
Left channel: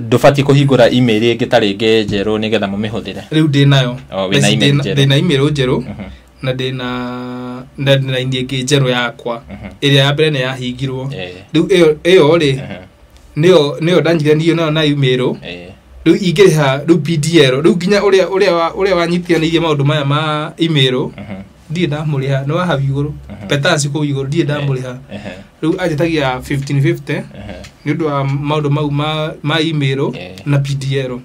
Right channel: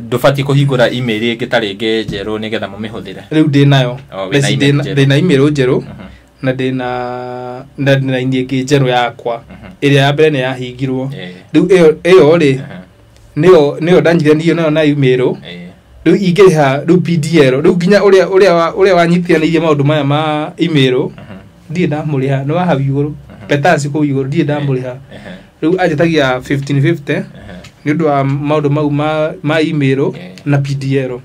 ndufati kuhingura email ingitari ngejeru nigetha mumihuthire riu ndi nayo ndina email njeru na ndina ingi njeru yakwa iria ya mbere ni yahingirwo riu iyo ri nio danjire ndio na email riu ingiriha riu PDL riu ginya uria wanyitianirie maundu maya ma email ndie ndamuriha no haha iguru petansi ku iguru ndie ndamuriha riu ajetagia 1550 ni ndu wa maundu mau ma email na PDL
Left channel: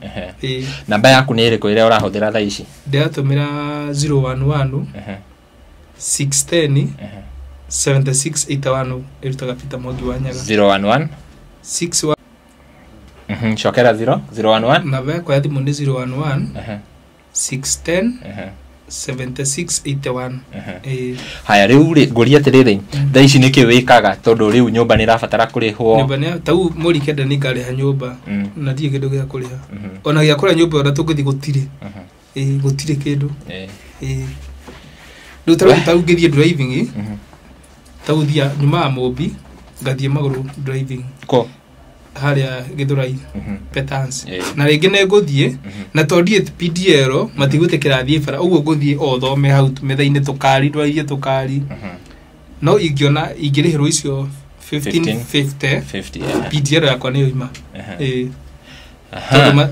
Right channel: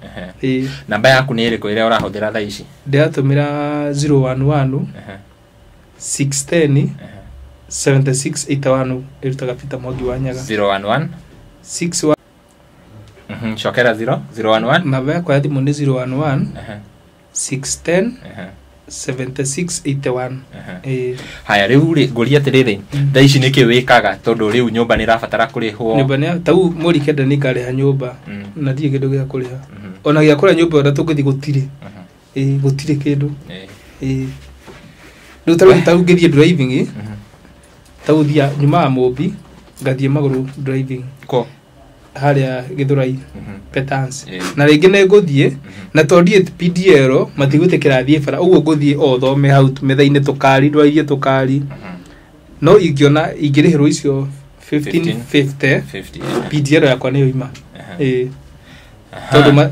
namba yaku ni iriko iria urahuthira tha ici ndiratumira 011 610 7681 irutaga Peter Mwangi wa Nyaga 011 61 shokera 011 namba yakwa ya thimu ni 011 610 7681 haya riu nguria atiriri tha ici niki wikaga tondu riu nyumba ni rabatara kurihwo nyumba ni tau muri kenda ni ngariha nyumba na ndie kindu gia kuriha ona gia kuria nyumba ona tukuthi gutire gutire kindu riu tau ngirie driving tau thia nyuma mobi ngathie maguru driving ko haria Githurai Petans na ringi ne nguthie na tondie PDL matigutekera thie bara uguo nguthie o thome hau methaine tukari ndwaie tukari no ingiona ingirihirwo icio 1550 PDL yakwa ni yoima tondu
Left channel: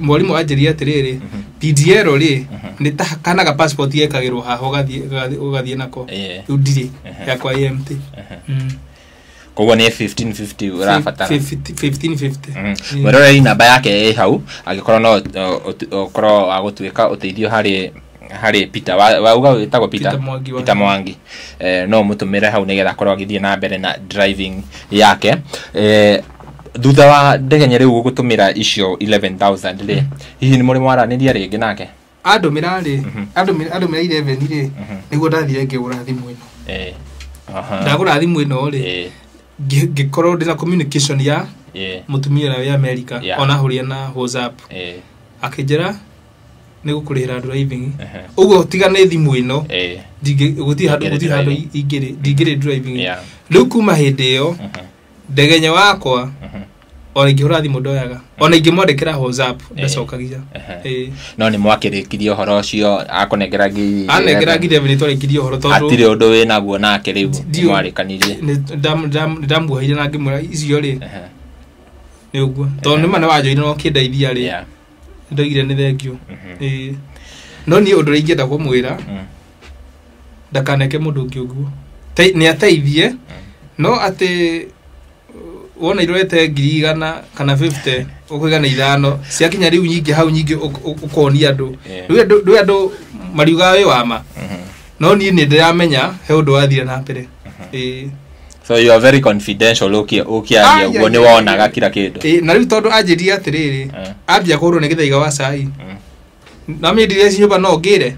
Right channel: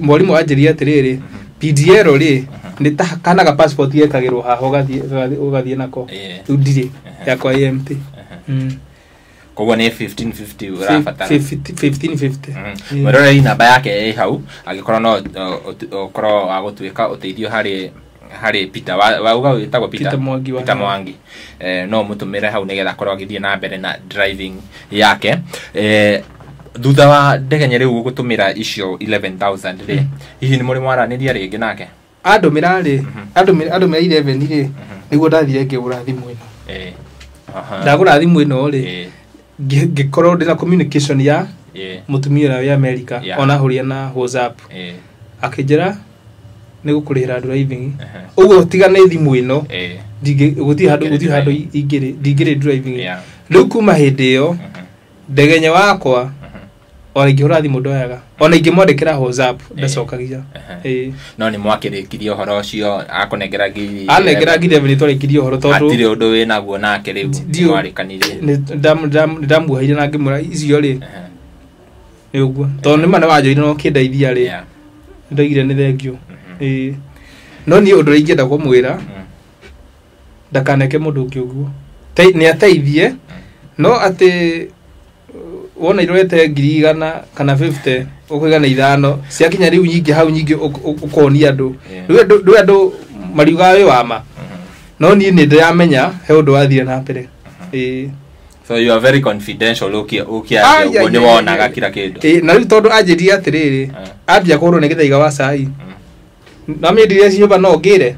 mwalimu anjiria atiriri PDL ri ni ta kana ga passport yekagirwo haho gathie nako ndire yakwa empty koguo ni 1550 urabatara 1550 mwerora namba yake hau agikorwo no okorwo wa gutwika uteithio hari Peter wauga witagwo Peter Mwangi no mutumire hau nigetha korwo agithie na mbere na driving yake thutha wa ndegenya riu gutumira icio 11000 ri hihi ni muri mwaraniria ringi nake andumira ri andumira 11 ri niguo ndathire ngigura thimu ino ndagura thimu ino ri gikorwo ndina communication ya mutumia wa America ona huria na WhatsApp akijira ni gukurira driving ugo tiga ni thimu ino guthi handu ingire driving riu kuma hindi yo ndegenya wakwa ona ingihura thimu ndoyaga ona ingimwandikira WhatsApp ndacokagia no ni mwakirikirie horo ucio akonengera ngire ni twarikirie horo tondu atire undu we naguo nake riu mwarikanire ndamuhaire na ngimura icio ri ni uguo tondu ni mana wanjoire no kindeithia ri ndoigire ni thengio no ni undu ingenda kumwira ndakaneke mundu ungi uguo ni ateithie no ati wona irorete 100 kana 50 ukugana ithano ciakinya riu nyingi hau nyingi ukoni andu riu andu mariuga we wama no ni ndiramenya he undu wathire na mbere so you are very confidential ukia ni wonaga kila kindu na riu tondu anjiria atiriri ambia kurwo ni githaiga wa cai na mi ndire ciuba no ngire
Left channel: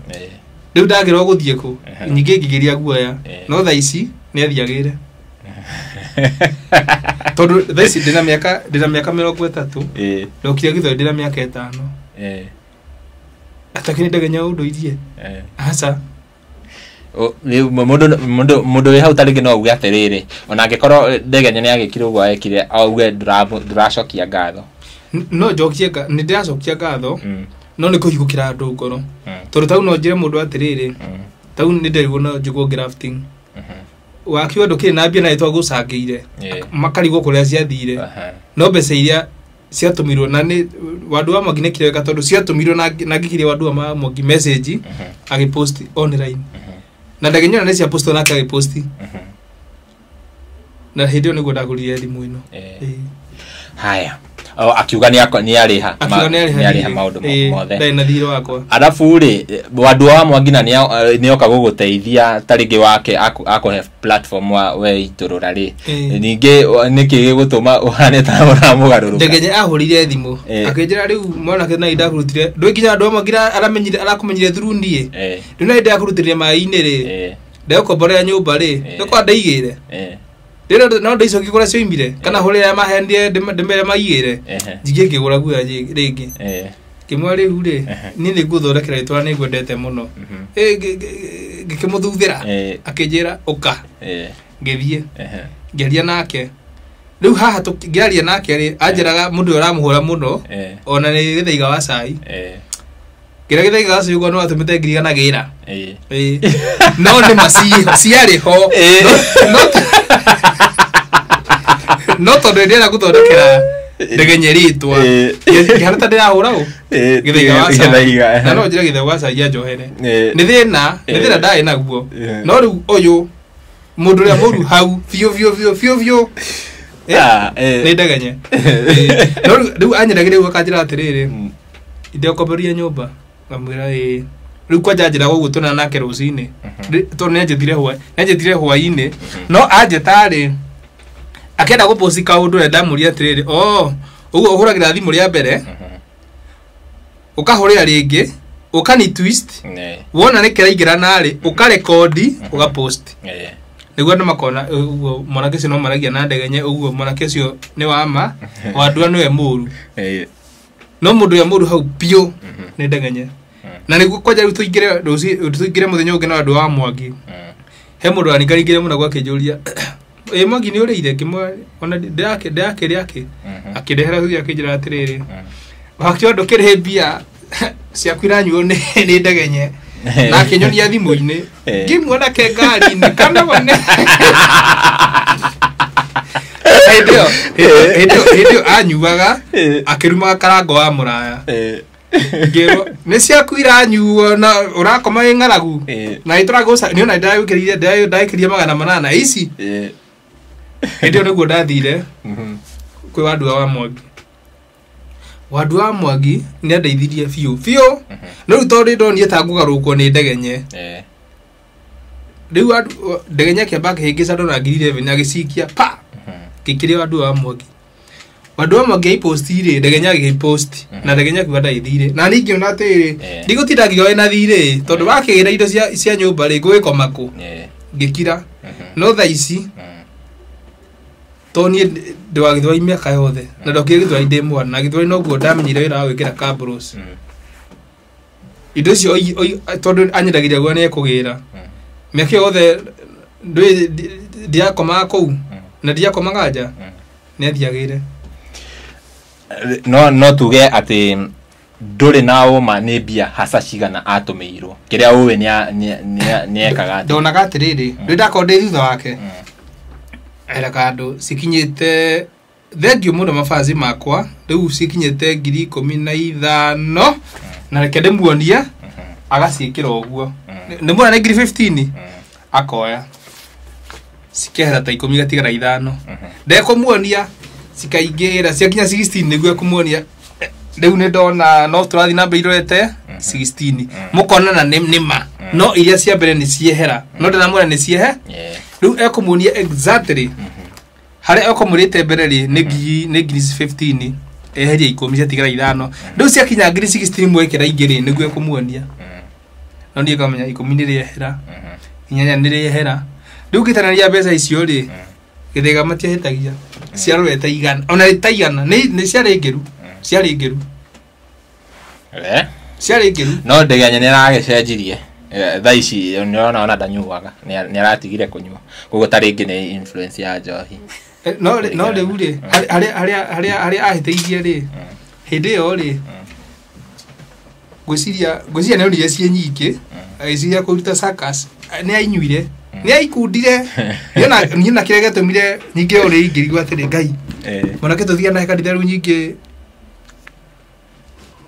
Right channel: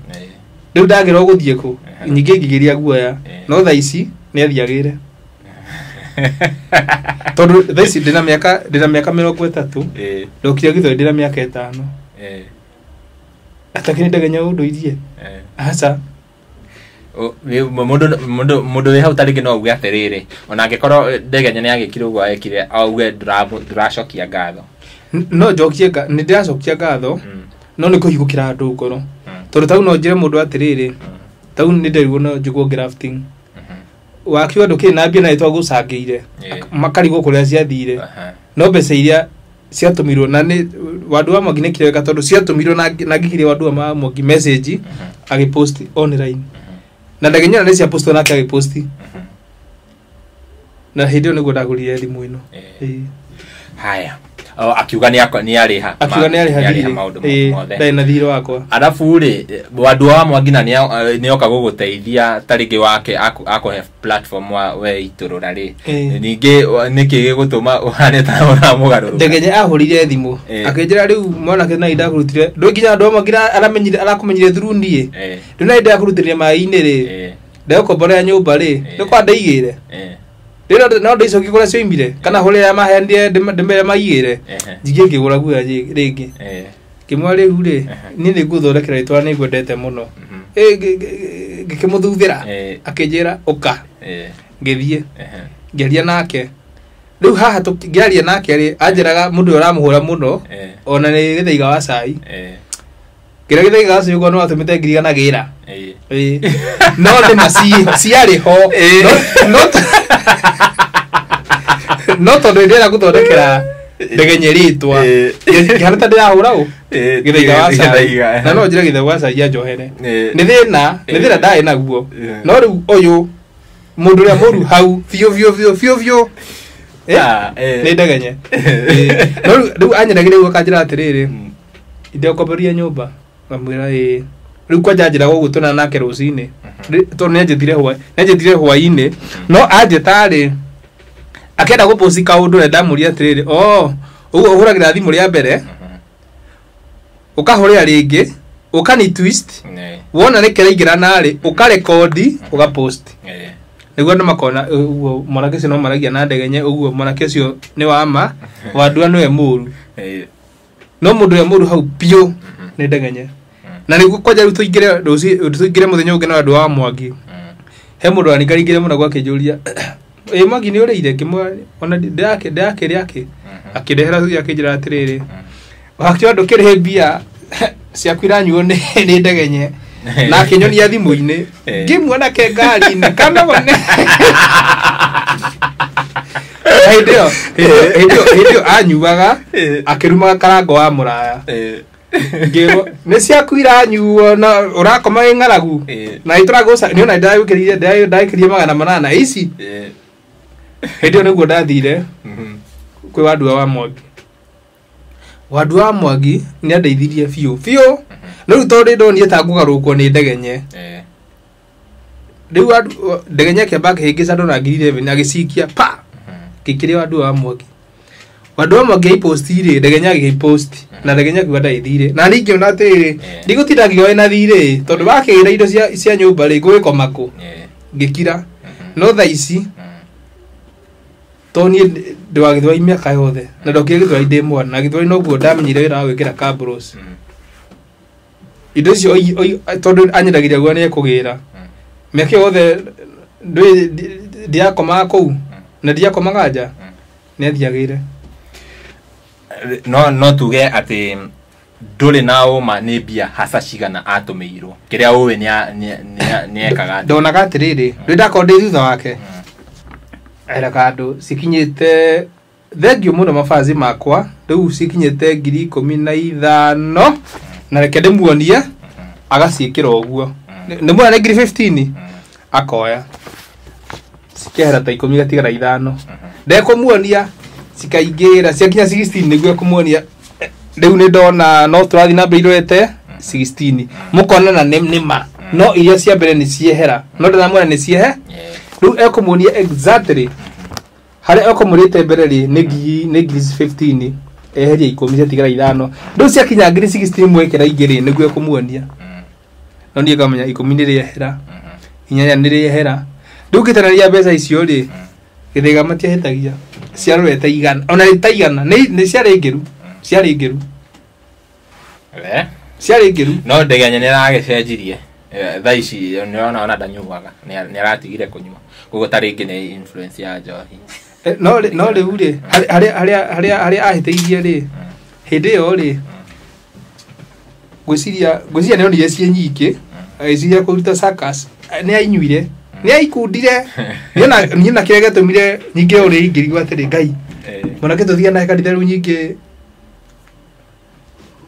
riu ndagirwo guthie ku nyingi ngigiria guoya no tha ici ni athiagire tondu thaisi ndina miaka 30 ndokire githoi ndina miaka 5 atakini ndegenya undu irie asa mundu we hau taringi no uge atiriri ona angikorwo ndegenya ni agikire uguo ekire auge ndiracokia ngatho no jokie ni ndiracokia ngatho no ni kuhigukira andu ngoro tondu tau no njire mundu atiriri tau nä nderigwo no njiguo grafting wakiwa ndå na mbia na ĩtwa gũcangĩire makarigwo kũrĩa ciathire no mbeca iria ciatũmirwo na nĩ Wandũ wa Mwangi nĩ kĩreka tondũ ciatũmirwo na ngĩkirie Wandũ wa Mwangi message agĩpost online na ndagenyana nĩ cia post nake agĩpost na hĩndĩ ĩyo nĩguo ndagũrire thimũ ĩno haya akiuga nĩ arĩha maũndũ mothe na thirĩ wakwa alafu rĩ Wandũ wa Mwangi na nĩ oka gũgũteithia tarĩngĩ wake akũhe platform we itũrũra rĩ ningĩ nĩkĩ gĩgũtũma ũhane ta ũramũgarũrũka Ndegenye ahũrire thimũ akĩnjĩra rĩu mwanake na ndakũrutire ndũkinya Wandũ wa Mwangi arakũmenyire through niĩ rĩu na ndakũrutire maĩ-inĩ rĩ ndekomborera nyũmba rĩ nĩ kwa ndaigĩre no ndo icoki kũrĩa cioimire kana hũrĩa mahendie ndĩmere maigĩre njingĩ ngĩgũra guoya rĩngĩ kĩmwa rĩu rĩ niĩ nĩ ngũthondekera rĩtwa nĩ ngwendete mũno ngĩkĩmũthuthĩra akĩnjĩra ũka ngĩthiĩ ngĩaria nake rĩu haha ngĩaria nake rĩ anjĩraga mũndũ ũyũ ũramũhũra mũno ona nĩ gĩthaiga wa cai kĩrĩa gĩthaiga wa cai ũguo no atũmĩte ngiriganagĩra no nĩ ciarĩ ho no tondũ ndĩrenda gũthondekera Ndegenye rĩtwa kĩhana ta ndĩrahũra gĩthaiga wa cai na no njĩre gĩthaiga wa cai anjohere nĩ thĩna ndarĩ naguo no rĩu ũyũ mũndũ ũrĩa mũru hau biũ nĩ Ndegenye no rĩu anyendagĩra ũguo akanjĩra atĩrĩrĩ ndekomboria nyũmba ngamwĩra rĩu kwanja njĩra ũguo tũna nake rũcinĩ tondũ nĩanjĩtire hwaĩ-inĩ no anjĩtarĩ akenda gũpost kaũndũ rĩa ndamũria atĩrĩrĩ ũguo ũhũragĩra thimũ rĩa mbere ũkahũrĩra rĩngĩ ũkani twist wona nĩ kĩraingĩra narĩ ũkarekodi ũgapost nĩguo andũ makona ũguo mwanake ũcio no maragia na Ndegenye ũguo mwanake ũcio nĩ wama Wandũ nĩwe mũru no mũndũ ũrĩa mũru hau biũ nĩ Ndegenye na nĩguo kwanja rĩu tũingĩre mũthenya ũngĩ na Wandũ wa Mwangi he mũndũ wanikaringire mũno gwakĩnjũria Mwangi nĩ ũrĩire kĩmwe ona ndĩrakĩrĩa akĩndehera thuya akĩnjĩra atĩrĩrĩ wakĩwa ndũkĩrĩhe mbia ciaku iranyuo nĩ Ndegenye na akĩnyonia thimũ-inĩ ngĩmuona ke ngari-inĩ kana one hĩndĩ ĩyo anyuaga akĩrumaga karango wa mũraya nĩ ciaku iranyuo na ũrakoma wĩ ng'aragu na nĩtũragũca nĩona ndagĩkĩrie 800 ici hĩndĩ ĩyo nĩguo ndathire kwĩ Wandũ wa Mwangi Wandũ wa Mwangi nĩ andeithirie biũ no rĩu tondũ ndonire ta ngũgarũrũkwo nĩ Ndegenye rĩu Ndegenye akĩamba akĩhĩngĩca ndona 11 agĩcikia pa gĩkĩrĩa Wandũ wa Mwangi Wandũ wa Mwangi aiposti-rĩ Ndegenye agĩpost na Ndegenye akiuga ndaithire na ningĩ ona atĩrĩrĩ ndigũtinda ngĩoya na thirĩ tondũ wakĩgĩra indo cia nyũmba-rĩ ngũgĩkoma kũ ngĩkira no thaa ici to niĩ ndĩ wa Gĩthwaĩ mĩaka yothe na ndokire Gĩthwaĩ ndĩ mwana na Gĩthwaĩ noguo ndamenyire wĩra wa gwĩkĩra kabros indo icio tondũ anyendagĩria guo nĩ ekũgĩra mĩaka yothe ndiakomaga kũu na ndiakomaga nja nĩ athiagĩire no tuge atĩ ndũrĩ na ũma nĩ mbia haca cigana atũmĩirwo kĩrĩa ũĩ nĩ ekaga ndonaga atĩrĩrĩ rĩu ndakorwo ndĩ thutha wake ereka andũ cikinyĩte thengiũ mũno mabazi makwa rĩu cikinyĩte 15,000 na reke ndĩmuonie agaciĩkĩra ũguo ndĩmuona nĩ 15 akoya cikehera ta 10 gatigara 5 ndekũmuonia cikaingĩra ciakinya 16 nĩguo ekũmuonia rĩu nĩ ndona no tũrathiĩ na mbere irorete 16 mũkonana nĩma no iria cia mbere nĩ ciehera no ndĩramwona nĩ ciehe rĩu ekũmuonia exactly harĩa ekũmũrĩte mbere rĩ nĩ 15 eheria 10 ciatigara 5 rĩu ciakinya 16 mwekĩra ingĩ nĩguo ekũmuonia no niĩ ngamenya 10 nĩ rĩehera 8 nĩ rĩehera rĩu gĩtarania mbeca icio rĩ Gĩthaiga matiahĩtagia ciarorete igana ona rĩtaigana nĩ ciarĩ ngĩru no Ndegenye nĩ aragĩcenjirie thaa ici nĩona ona ndanyuaga nĩ aratigire kũnyua koguo ta rĩngĩ nĩ influence ya njohi no rĩu rĩ harĩa ahĩtĩirie rĩ hĩndĩ ĩyo rĩ ngwĩciria nĩonire ciĩ nyingĩ aiciria kuruta circus ni ainyuire ni aikundire niona kirega tumire nyinge uri ingirigwa atiri ngai ona kituthia na kanitha ru nyinge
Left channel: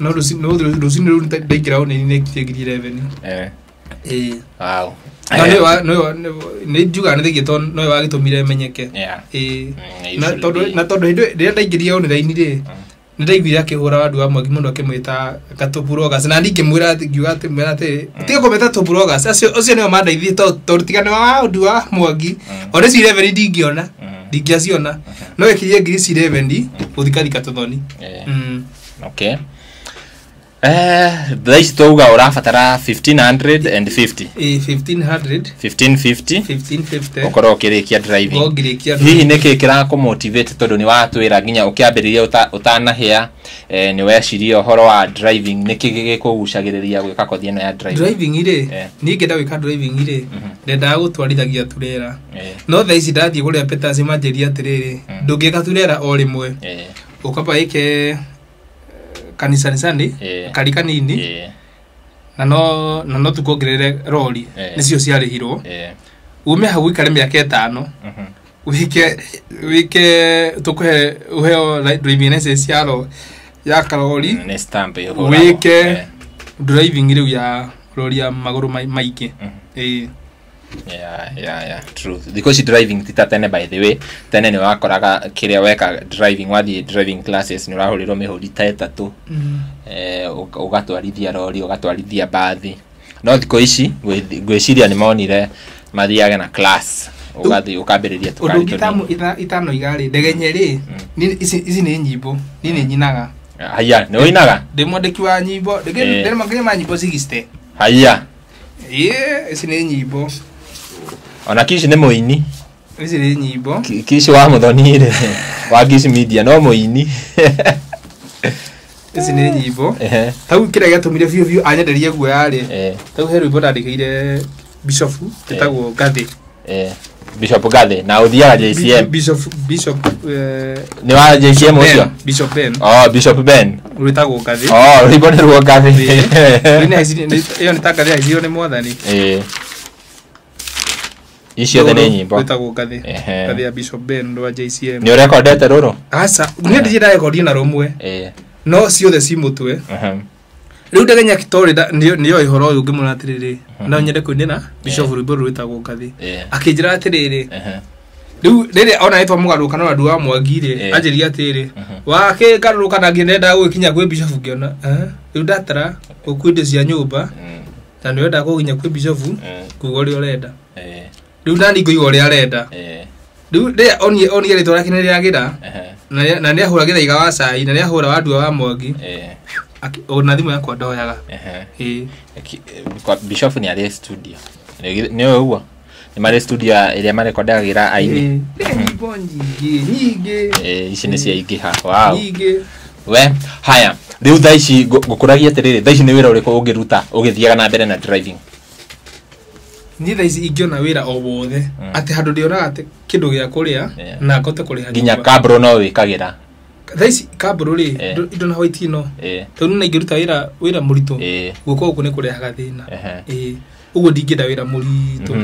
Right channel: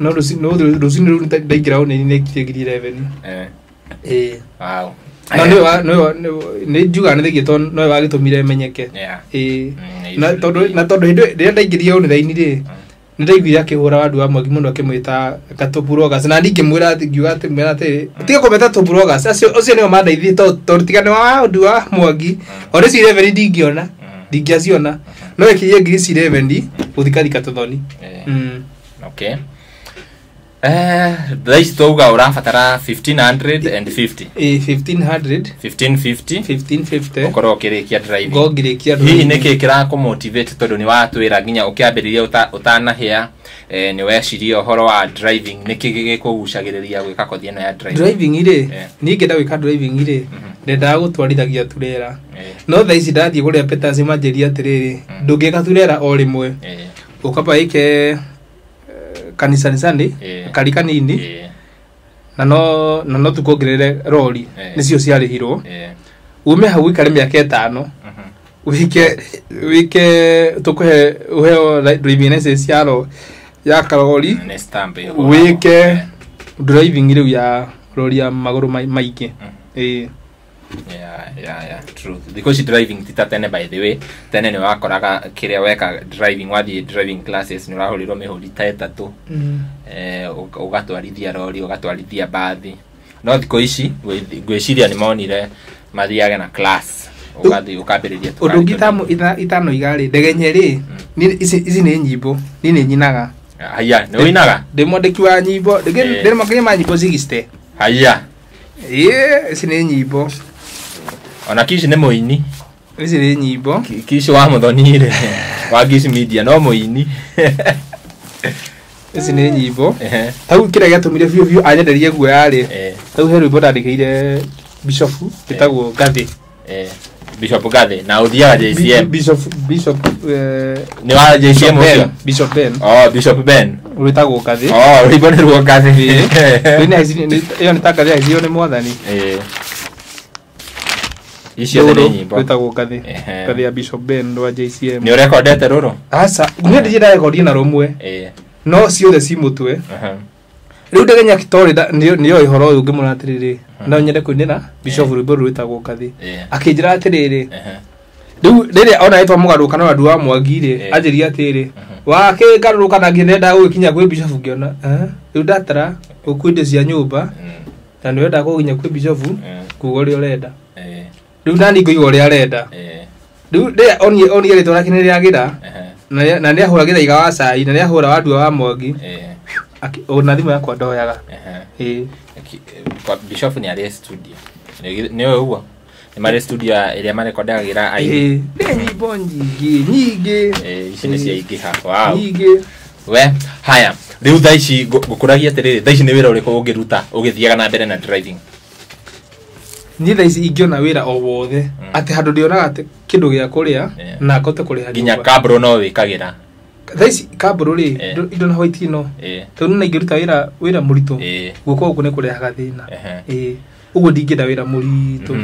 no rucini ru ndaingira one ni kigiri 11 wow ni juga ni thigito no wagitumire menyeke na tondu ria ndaingiria one thaini ri ni ndaiguire akihura wandu wa Mwangi muno akimwita Katuburogas na ningi mwira ati ngiuga ati mwira ati tiga kometa Tuburogas acio nio mandaithie tondu tigane wa wandu wa Mwangi ona ci 11 ndingiona ndingiaciona no ikirie ngiri ci 11 uthikarika tuthoni okay thaici twauga urabatara 1550 1550 ukorwo ukirikia driving hihi niki kirakumotivate tondu ni watwira nginya ukiambiriria utanahia ni weciria uhoro wa driving niki gikugucagiriria gwika kothi ino ya driving ire ni ngenda gwika driving ire ndenda gutwarithagia turera no thaici ndathie guria Peters manjeria atiriri ndungika turera o rimwe ukaba ike kanisa Sunday karika nini na no tukongerere rori nicio ciarihirwo ume hau ikare miaka 5 wike tukuhe uheo driving license ya karori ni stamp wike driving ile ya rori ya maguru maike yeah true because driving tita tene by the way tene ni wakoraga kiria weka driving wathi driving classes ni urahuriro mihuri ta 3 ugatwarithia rori ugatwarithia bathi no thiko ici gwiciria ni monire mathiage na class ugathi ukambiriria udugitamu itano igari ndegenyeri ici ni nyimbo ni nyinaga haya ni winaga ndimwandiki wa nyimbo ndimwandiki wa nyimbo zigiste haya ici ni nyimbo ona kici ni muini ici ni nyimbo kici wa muthonire wa Kiss Media no muini ici ni nyimbo tau kira gatumire biu anyenderie guo yari tau he rwimbo ndandikire Bishop etagwo Gathi Bishop Gathi na uthiaga JCM Bishop ni wa JCM Bishop Ben Bishop Ben wetagwo Gathi rwimbo ni rwo Gathi ina iyo ni taka ya hiyo ni mwathani icio the nyimbo wetagwo Gathi Gathi ya Bishop Ben wa JCM ni recordete ruro asa ni ndije da record na romwe no ciothe ci mutwe riu ndegenya kitori niyo ihoro uyu ngimuna atiriri no nyende kuinira Bishop rwimbo rwetagwo Gathi akinjira atiriri riu rere ona etwa mugaruka na andu wa Mwangi ri anjiria atiri wake ngaruka na nginenda gukinya kwi Bishop ngiona riu ndatara ukwinde cia nyumba na niwe ndakuginya kwi Bishop kugo ri urenda riu nani ngoigo ri arenda riu de oni ri turakinira gira na ni ahuragira iga wa cai na ni ahura wandu wa Mwangi ona thimu yakwa ndoyaga Bishop ni ari studio ni uguo ni mari studio iria marekordagira aini ni bonji nyingi ici ni cia ingi ha wow nyingi we haya riu thaici gukuragia atiriri thaici ni wira uriku ungiruta ugithiaga na mbere na driving ni thaici ingiona wira o wothe ati handu ndionaga ati kindu gia kuria na ngote kuria nginya kabro no wikagira thaici kabro ri indo na hoiti no tondu na ingiruta wira murito guko gukune kuria gathina ugo ndingida wira murito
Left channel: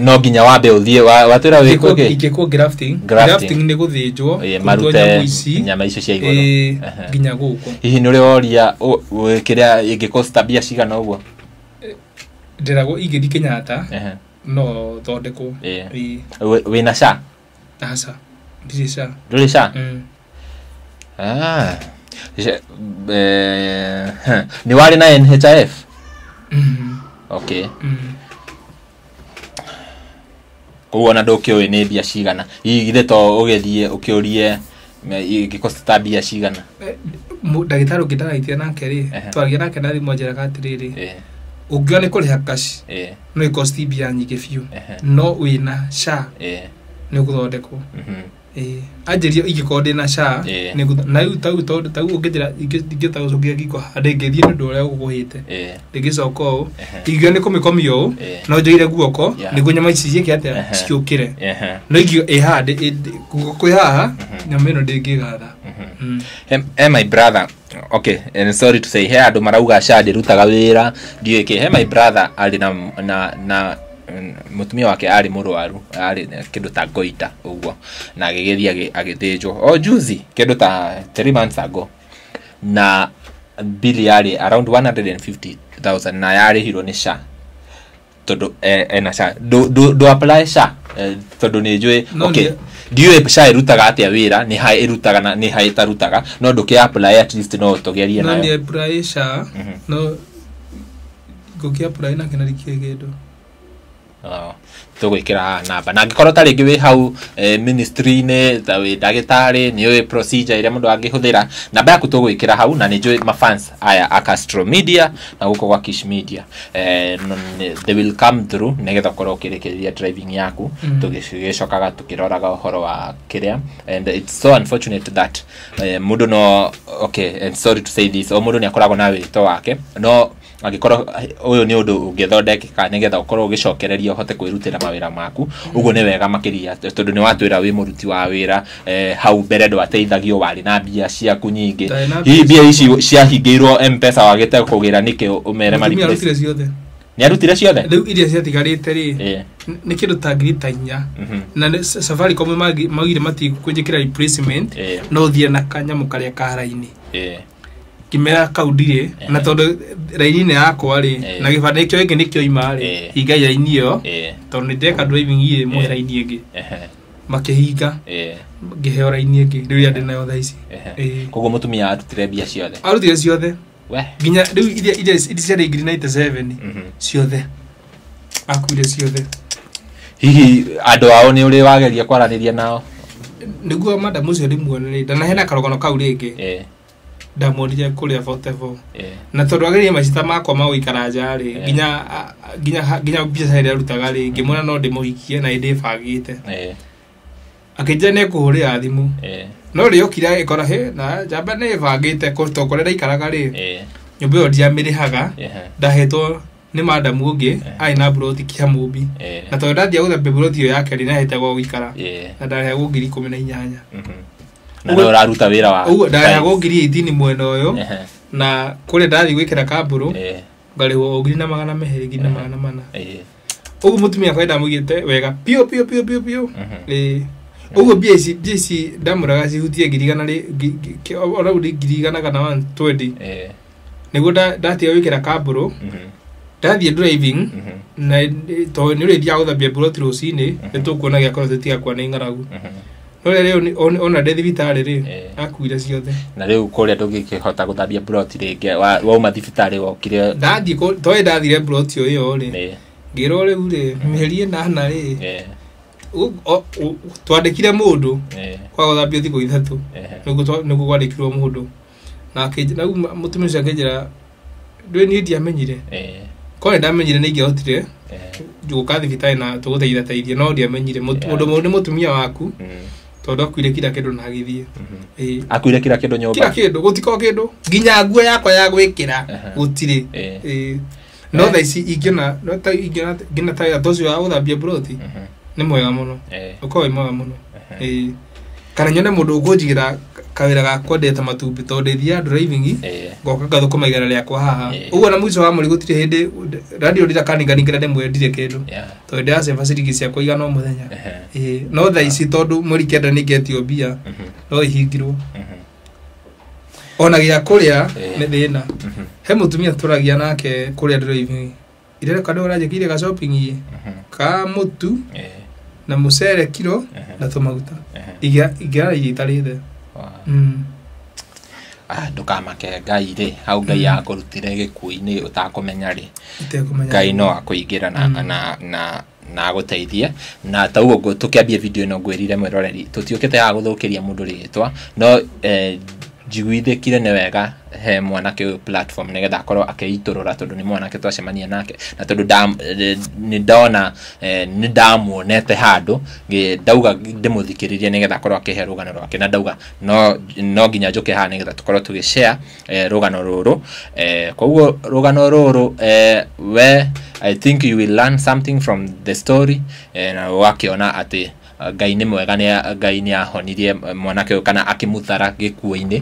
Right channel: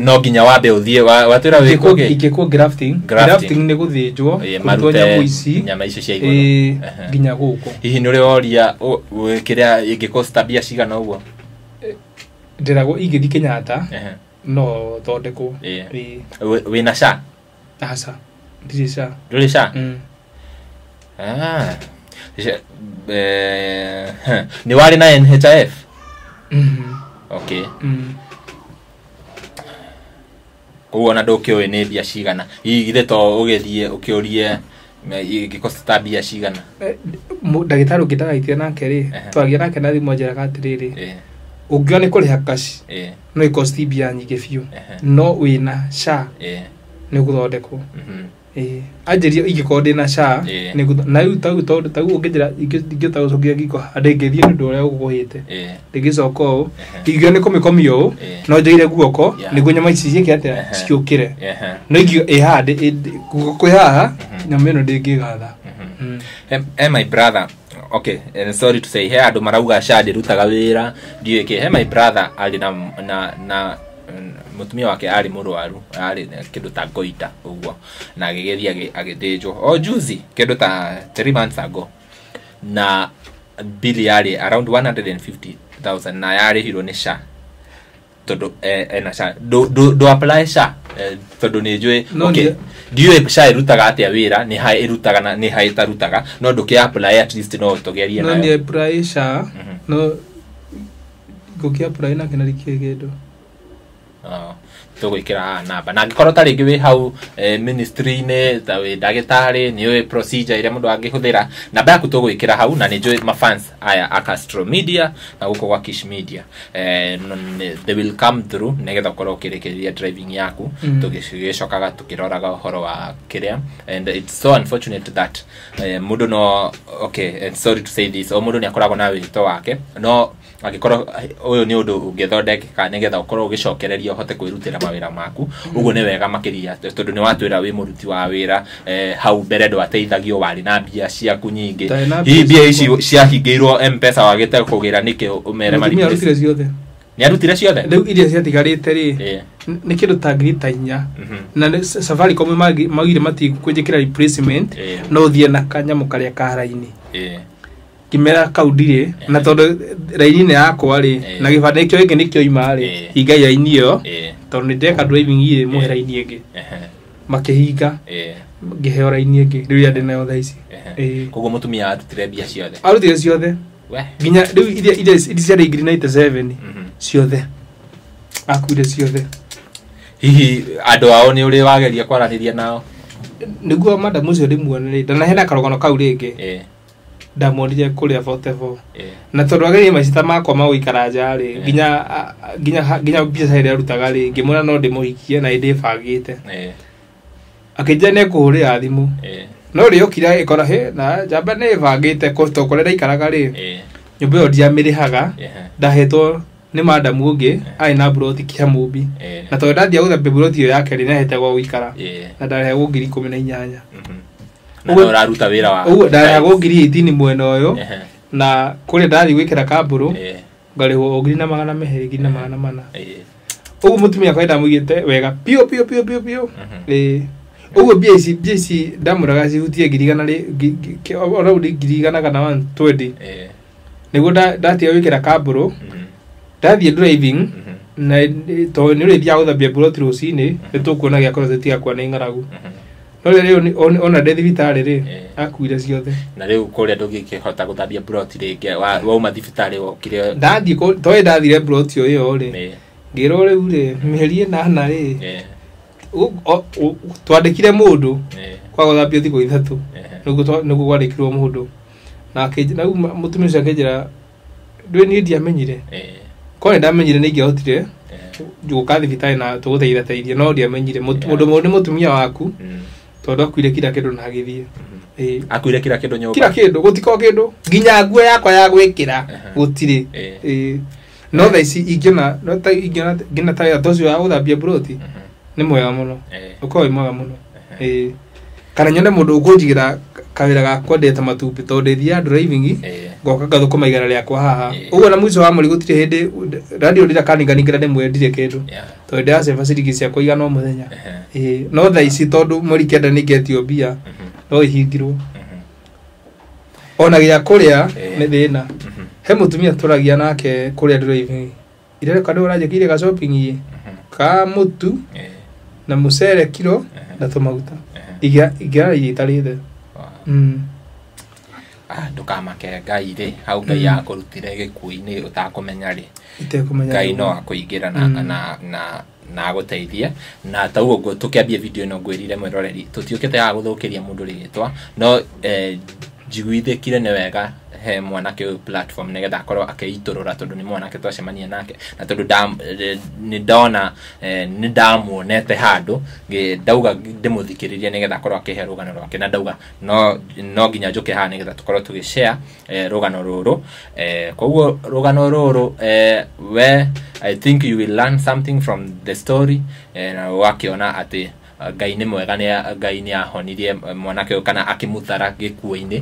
no nginya wambe uthie watwira wiko ikiko grafting ni guthinjwo kutonya muici nyama icio cia iguru nginya guko hihi ni uri oria kiria ingikosta bia cigana uguo ndirago igidi Kenyatta no thondeko wina sha asa ndisha ndisha ni wali na NHIF okay kuona ndukiwe ni bia cigana igithe to ugithie ukiurie ingikosta bia cigana ndagitaru ngindagaitia nake ri twagia nake na thimu njeraga atiriri ungione kuriha cash no ikosti bia nyingi biu no wina sha ni guthondekwo anjirio ingikondi na sha ni na yu tau ungithira ingita ucokia ngiko ndengethie ni ndu uria uguhite ngicoka u ingione komikomio no njeire guoko ni gunyama ici ciike atia ciukire no ingio ihande guoko haha na meno ndingigatha my brother okay, and sorry to say, he andu marauga Shade rutaga wira ndieke. He my brother ali na mutumia wake ari murwaru, ari kindu ta goita uguo, na agithia agithijwo juzi kindu ta 3 months ago, na bill yari around 150,000 na yari hiro ni SHA todo na SHA do apply SHA todo ni jwe. Okay, dio SHA irutaga atia wira, ni hai irutaga na ni hai tarutaga, no nduke apply at least no togeria na no ni apply SHA no goki apply na kinari kigedo tugwikira namba na ngikoro tari ngiwe hau ministry ne tawe dagitari niyo procedure ire mundu angihuthira namba yaku tugwikira hau na nijo ma fans aya Castro Media na guko kwa Kish Media they will come through negetha korwo kirekeria driving yaku tugishokaga tukiroraga horo wa kiria, and it's so unfortunate that mundu no okay, and sorry to say this, mundu ni akoragwo na wito wake no agikoro uyu ni undu ungithondekeka nigetha ukorwo ugicokereria uhote kwirutira mawira maku. Uguo ni wega makiria tondu ni watwira wi muruti wa wira hau mbere ndo ateithagio wari na mbia ciaku nyingi. Hii mbia ici ciahingiirwo M-Pesa wagite kugira niki umere mari ni arutire ciothe riu iria ciatigarite ri ni kindu ta ngiri inya na Safaricom magire mati kwenjekira replacement no thie na kanyamu karia karaini kimera kaudire na tondu raini ne yakwa ri na gibande kyo iki nikyo ima ri hinga ya inio tondu ndeka driving ire muhera ini ingi makihinga ngiheo raini ingi riu ya ndina yothe ici koguo mutumia arutire mbia ciothe ginya riu iria cia ngiri 97 ciothe akuire ciothe. Hihi andu ao ni uri wageria kwaraniria nao niguo madam ucio ndimuonere ndana hena karogono kau ringi ndamorire kuria votevo na tondu ageria macita makwa ma guikara nja ri ginya biacara ria rutaga ri ngimona no ndimuhikie na ndibangite akija ne kuhurira thimu no ri okira ikora he na jamba ne bangite ko tokorera ikaraga ri nyumba yo ndiamirihaga ndahetwo ni madam ungi aina broti kia mubi na tondu ndia utha broti yo yake ri nahete gwa guikara na ndarehe ngiri 18 na uraruta wira wa ndarehe ngiri 18 mwena uyo na kule ndari gwikira kamburu ngariho ngiri na magana meheri ngiri na magana mana ugu mutumia kwenda mugite wega pio ugu biesi ndamuraga cihutie ngiri gana ri already ngiri gana kana 120 niguo ndatia wikira kamburu ndathie driving na to ni ri dia uthambia broti rucini nitukuona gya kora tiga kwa ni ngaragu no ri ona ndethi vitari ri akuire ciothe na riu kuria ndungikihota guthambia broti ringi wauma thibitari gokire ndathie to ndathire broti uyo ri ngiro riu ri miheri na ri twandikire mundu kwa guthambia thiko ithatu niguo gwandikirwo mundu na akijira mutumia ucio akijira ndwe ni ndiamenyire kore ndamenyire ni ngihotire guka thibitari na tuguteithia no ndiamenyire mundu mutumia waku tondu akuire kira kindu na agithie akuire kira kindu nyumba kira kindu gutiko kindu ginya nguo yakwa ya gwikira gutire no thaici ingina no ta ingina ta ya tocio ya guthambia broti ni mwega muno uko mwega muno kana nyone mundu ukunjigira kawira gakwa ndeta matumbi tondu thia driving goka gathukuma igara riakwa haha uguo na mwico wa muri gutire hindi radio ndira kaninganingire ndimwe ndire kindu tondu ndaseva cirigi ciakwa igana o muthenya no thaici tondu muri kenda ningetio mbia no ihingirwo ona gya kuria ni thina he mutumia turagia nake kuria driving ire kadu urajikire ga shopping ye ka mutu na musere kilo na tomaguta igira yitarite ndukamake Ngai ri hau Ngai yakurutire gikuini utakumenya ri Ngai no akuingira na guteithie na ta ugo tukiambia video ino ngwirire mwiroreri tutiukite ya guthukiria mundu ritwa no jiguithikire ne wega he mwanake uyu platform nigetha akorwo akeiturura tondu ni mwanake twacemania nake na tondu ni ndona ni ndamuonete handu ndauga ndimuthikiririe nigetha akorwo akihe rugano rwake na ndauga no nginya njuke ha nigetha tukorwo tugishare rugano ruru koguo rugano ruru we I think you will learn something from the story na wakiona ati Ngai nĩ mwega Ngai nĩ ahonirie mwanake ũyũ kana akĩmuthara gĩkuũ-inĩ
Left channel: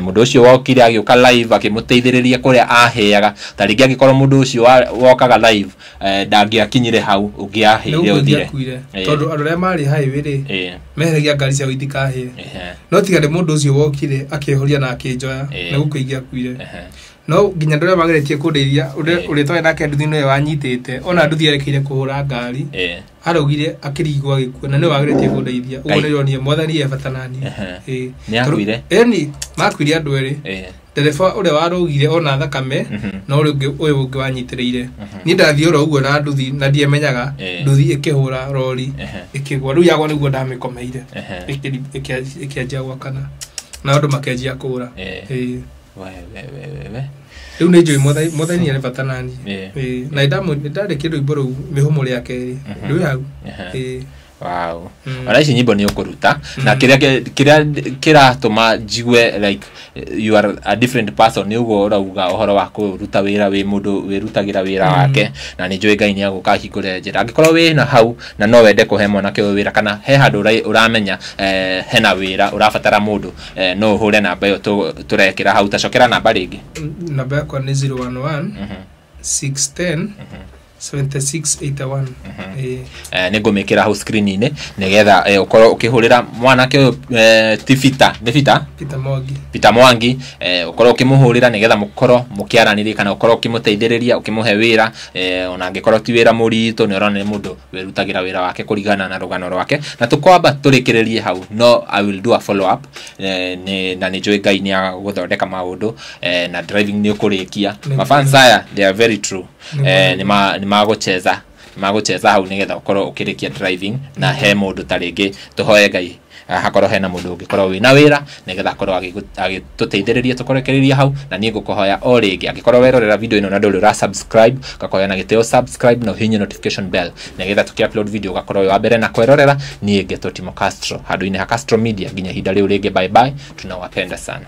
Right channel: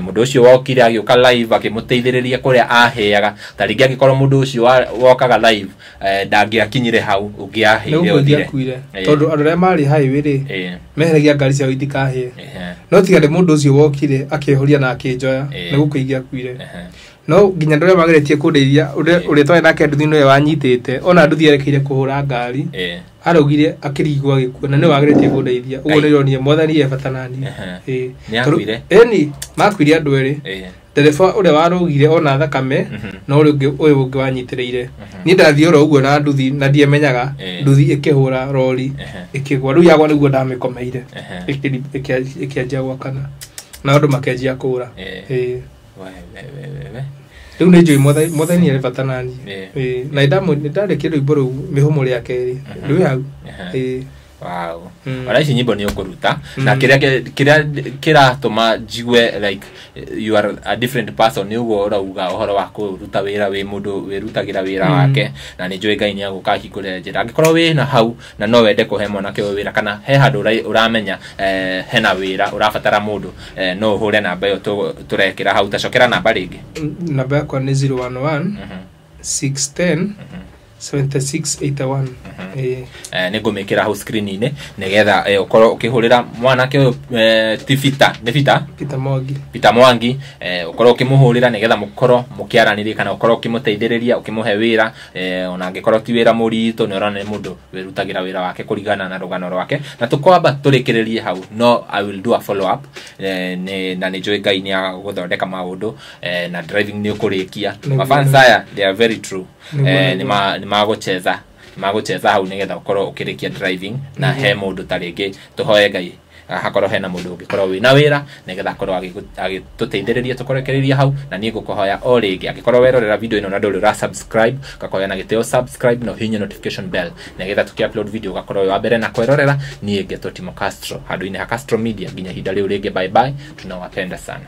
mũndũ ũcio wokire agĩũka live akĩmũteithĩrĩria kũrĩa aheaga ta rĩngĩ angĩkorwo mũndũ ũcio wokaga live ndangĩakinyire hau ũngĩahĩire ũthire tondũ andũ arĩa marĩ highway rĩ meheragia ngari cia gũthikahĩe no tigane mũndũ ũcio wokire akĩhoria na akĩnjoya nĩ gũkũigĩa kuire no nginya ndũrĩa mageretie kũndeithia ũrĩa twarĩ nake nduthi nĩwe wanyitĩte ona nduthi yarekire kũhũra ngari araugire akĩrigwo agĩkua na nĩ wageretie kũndeithia ũguo nĩ ironia mwathani ebatanani nĩ akuire eni makuire andũ erĩ ndereba ũrĩa warũgire ona thakame no ũyũ ũngĩ wanyitĩrĩire niĩ ndathiĩ oro ũguo na nduthi na ndiemenyaga nduthi ĩkĩhũra rori ĩkĩgwa rĩu yagwa nĩguo ndamĩkomeire ĩkĩanjia gwakana na andũ makĩanjia kũũra rĩu nĩ njũĩ mwathani ebatanani na ndarĩkia rwĩmbo rũu mĩhũmũ rĩa kerĩ rĩu hau wow ona ici nyimbo nĩ ũkũruta na kĩrĩa kĩratũma njigue like you are a different person nĩ ũguo ũrauga ũhoro wa kũruta wĩra wĩ mũndũ wĩrutagĩra wĩra wake na nĩ njũĩ Ngai nĩ agũkahingũrĩra njĩra angĩkorwo wĩna hau na no wende kũhe mwanake ũyũ wĩra kana he handũ ũramenya hena wĩra ũrabatara mũndũ no ũhũre namba ĩyo tũrekĩra hau tacokera namba rĩngĩ namba yakwa nĩ 011 610 7681 nĩ ngũmĩkĩra hau screen-inĩ nĩgetha ũkorwo ũkĩhũrĩra mwanake ũyũ ti Peter Mwangi ũkorwo ũkĩmũhũrĩra nĩgetha mũkorwo mũkĩaranĩria kana ũkorwo ũkĩmũteithĩrĩria ũkĩmũhe wĩra ona angĩkorwo ti wĩra mũritũ nĩ ũrona nĩ mũndũ wĩrutagĩra wĩra wake kũringana na rũgano rwake na tũkwamba tũrĩkĩrĩrie hau no I will do a follow up na nĩ njũĩ Ngai nĩ agũthondeka maũndũ na driving nĩ ũkũrĩkia mafans aya they are very true nĩ magũcheza hau nĩgetha ũkorwo ũkĩrĩkia driving na he mũndũ ta rĩngĩ tũhoe Ngai hakorwo hena mũndũ ũngĩkorwo wĩna wĩra nĩgetha akorwo agĩtũteithĩrĩria tũkorekereria hau na niĩ ngũkũhoya o rĩngĩ angĩkorwo werorera video ĩno na ndũrĩ ũra subscribe ngakũhoya na gĩtĩo subscribe na ũhihinye notification bell nĩgetha tũkĩ-upload video ũgakorwo wĩ wa mbere na kwerorera niĩ Ngetho Timo Castro handũ-inĩ ha Castro Media nginya ihinda rĩu rĩngĩ bye bye tunawapenda sana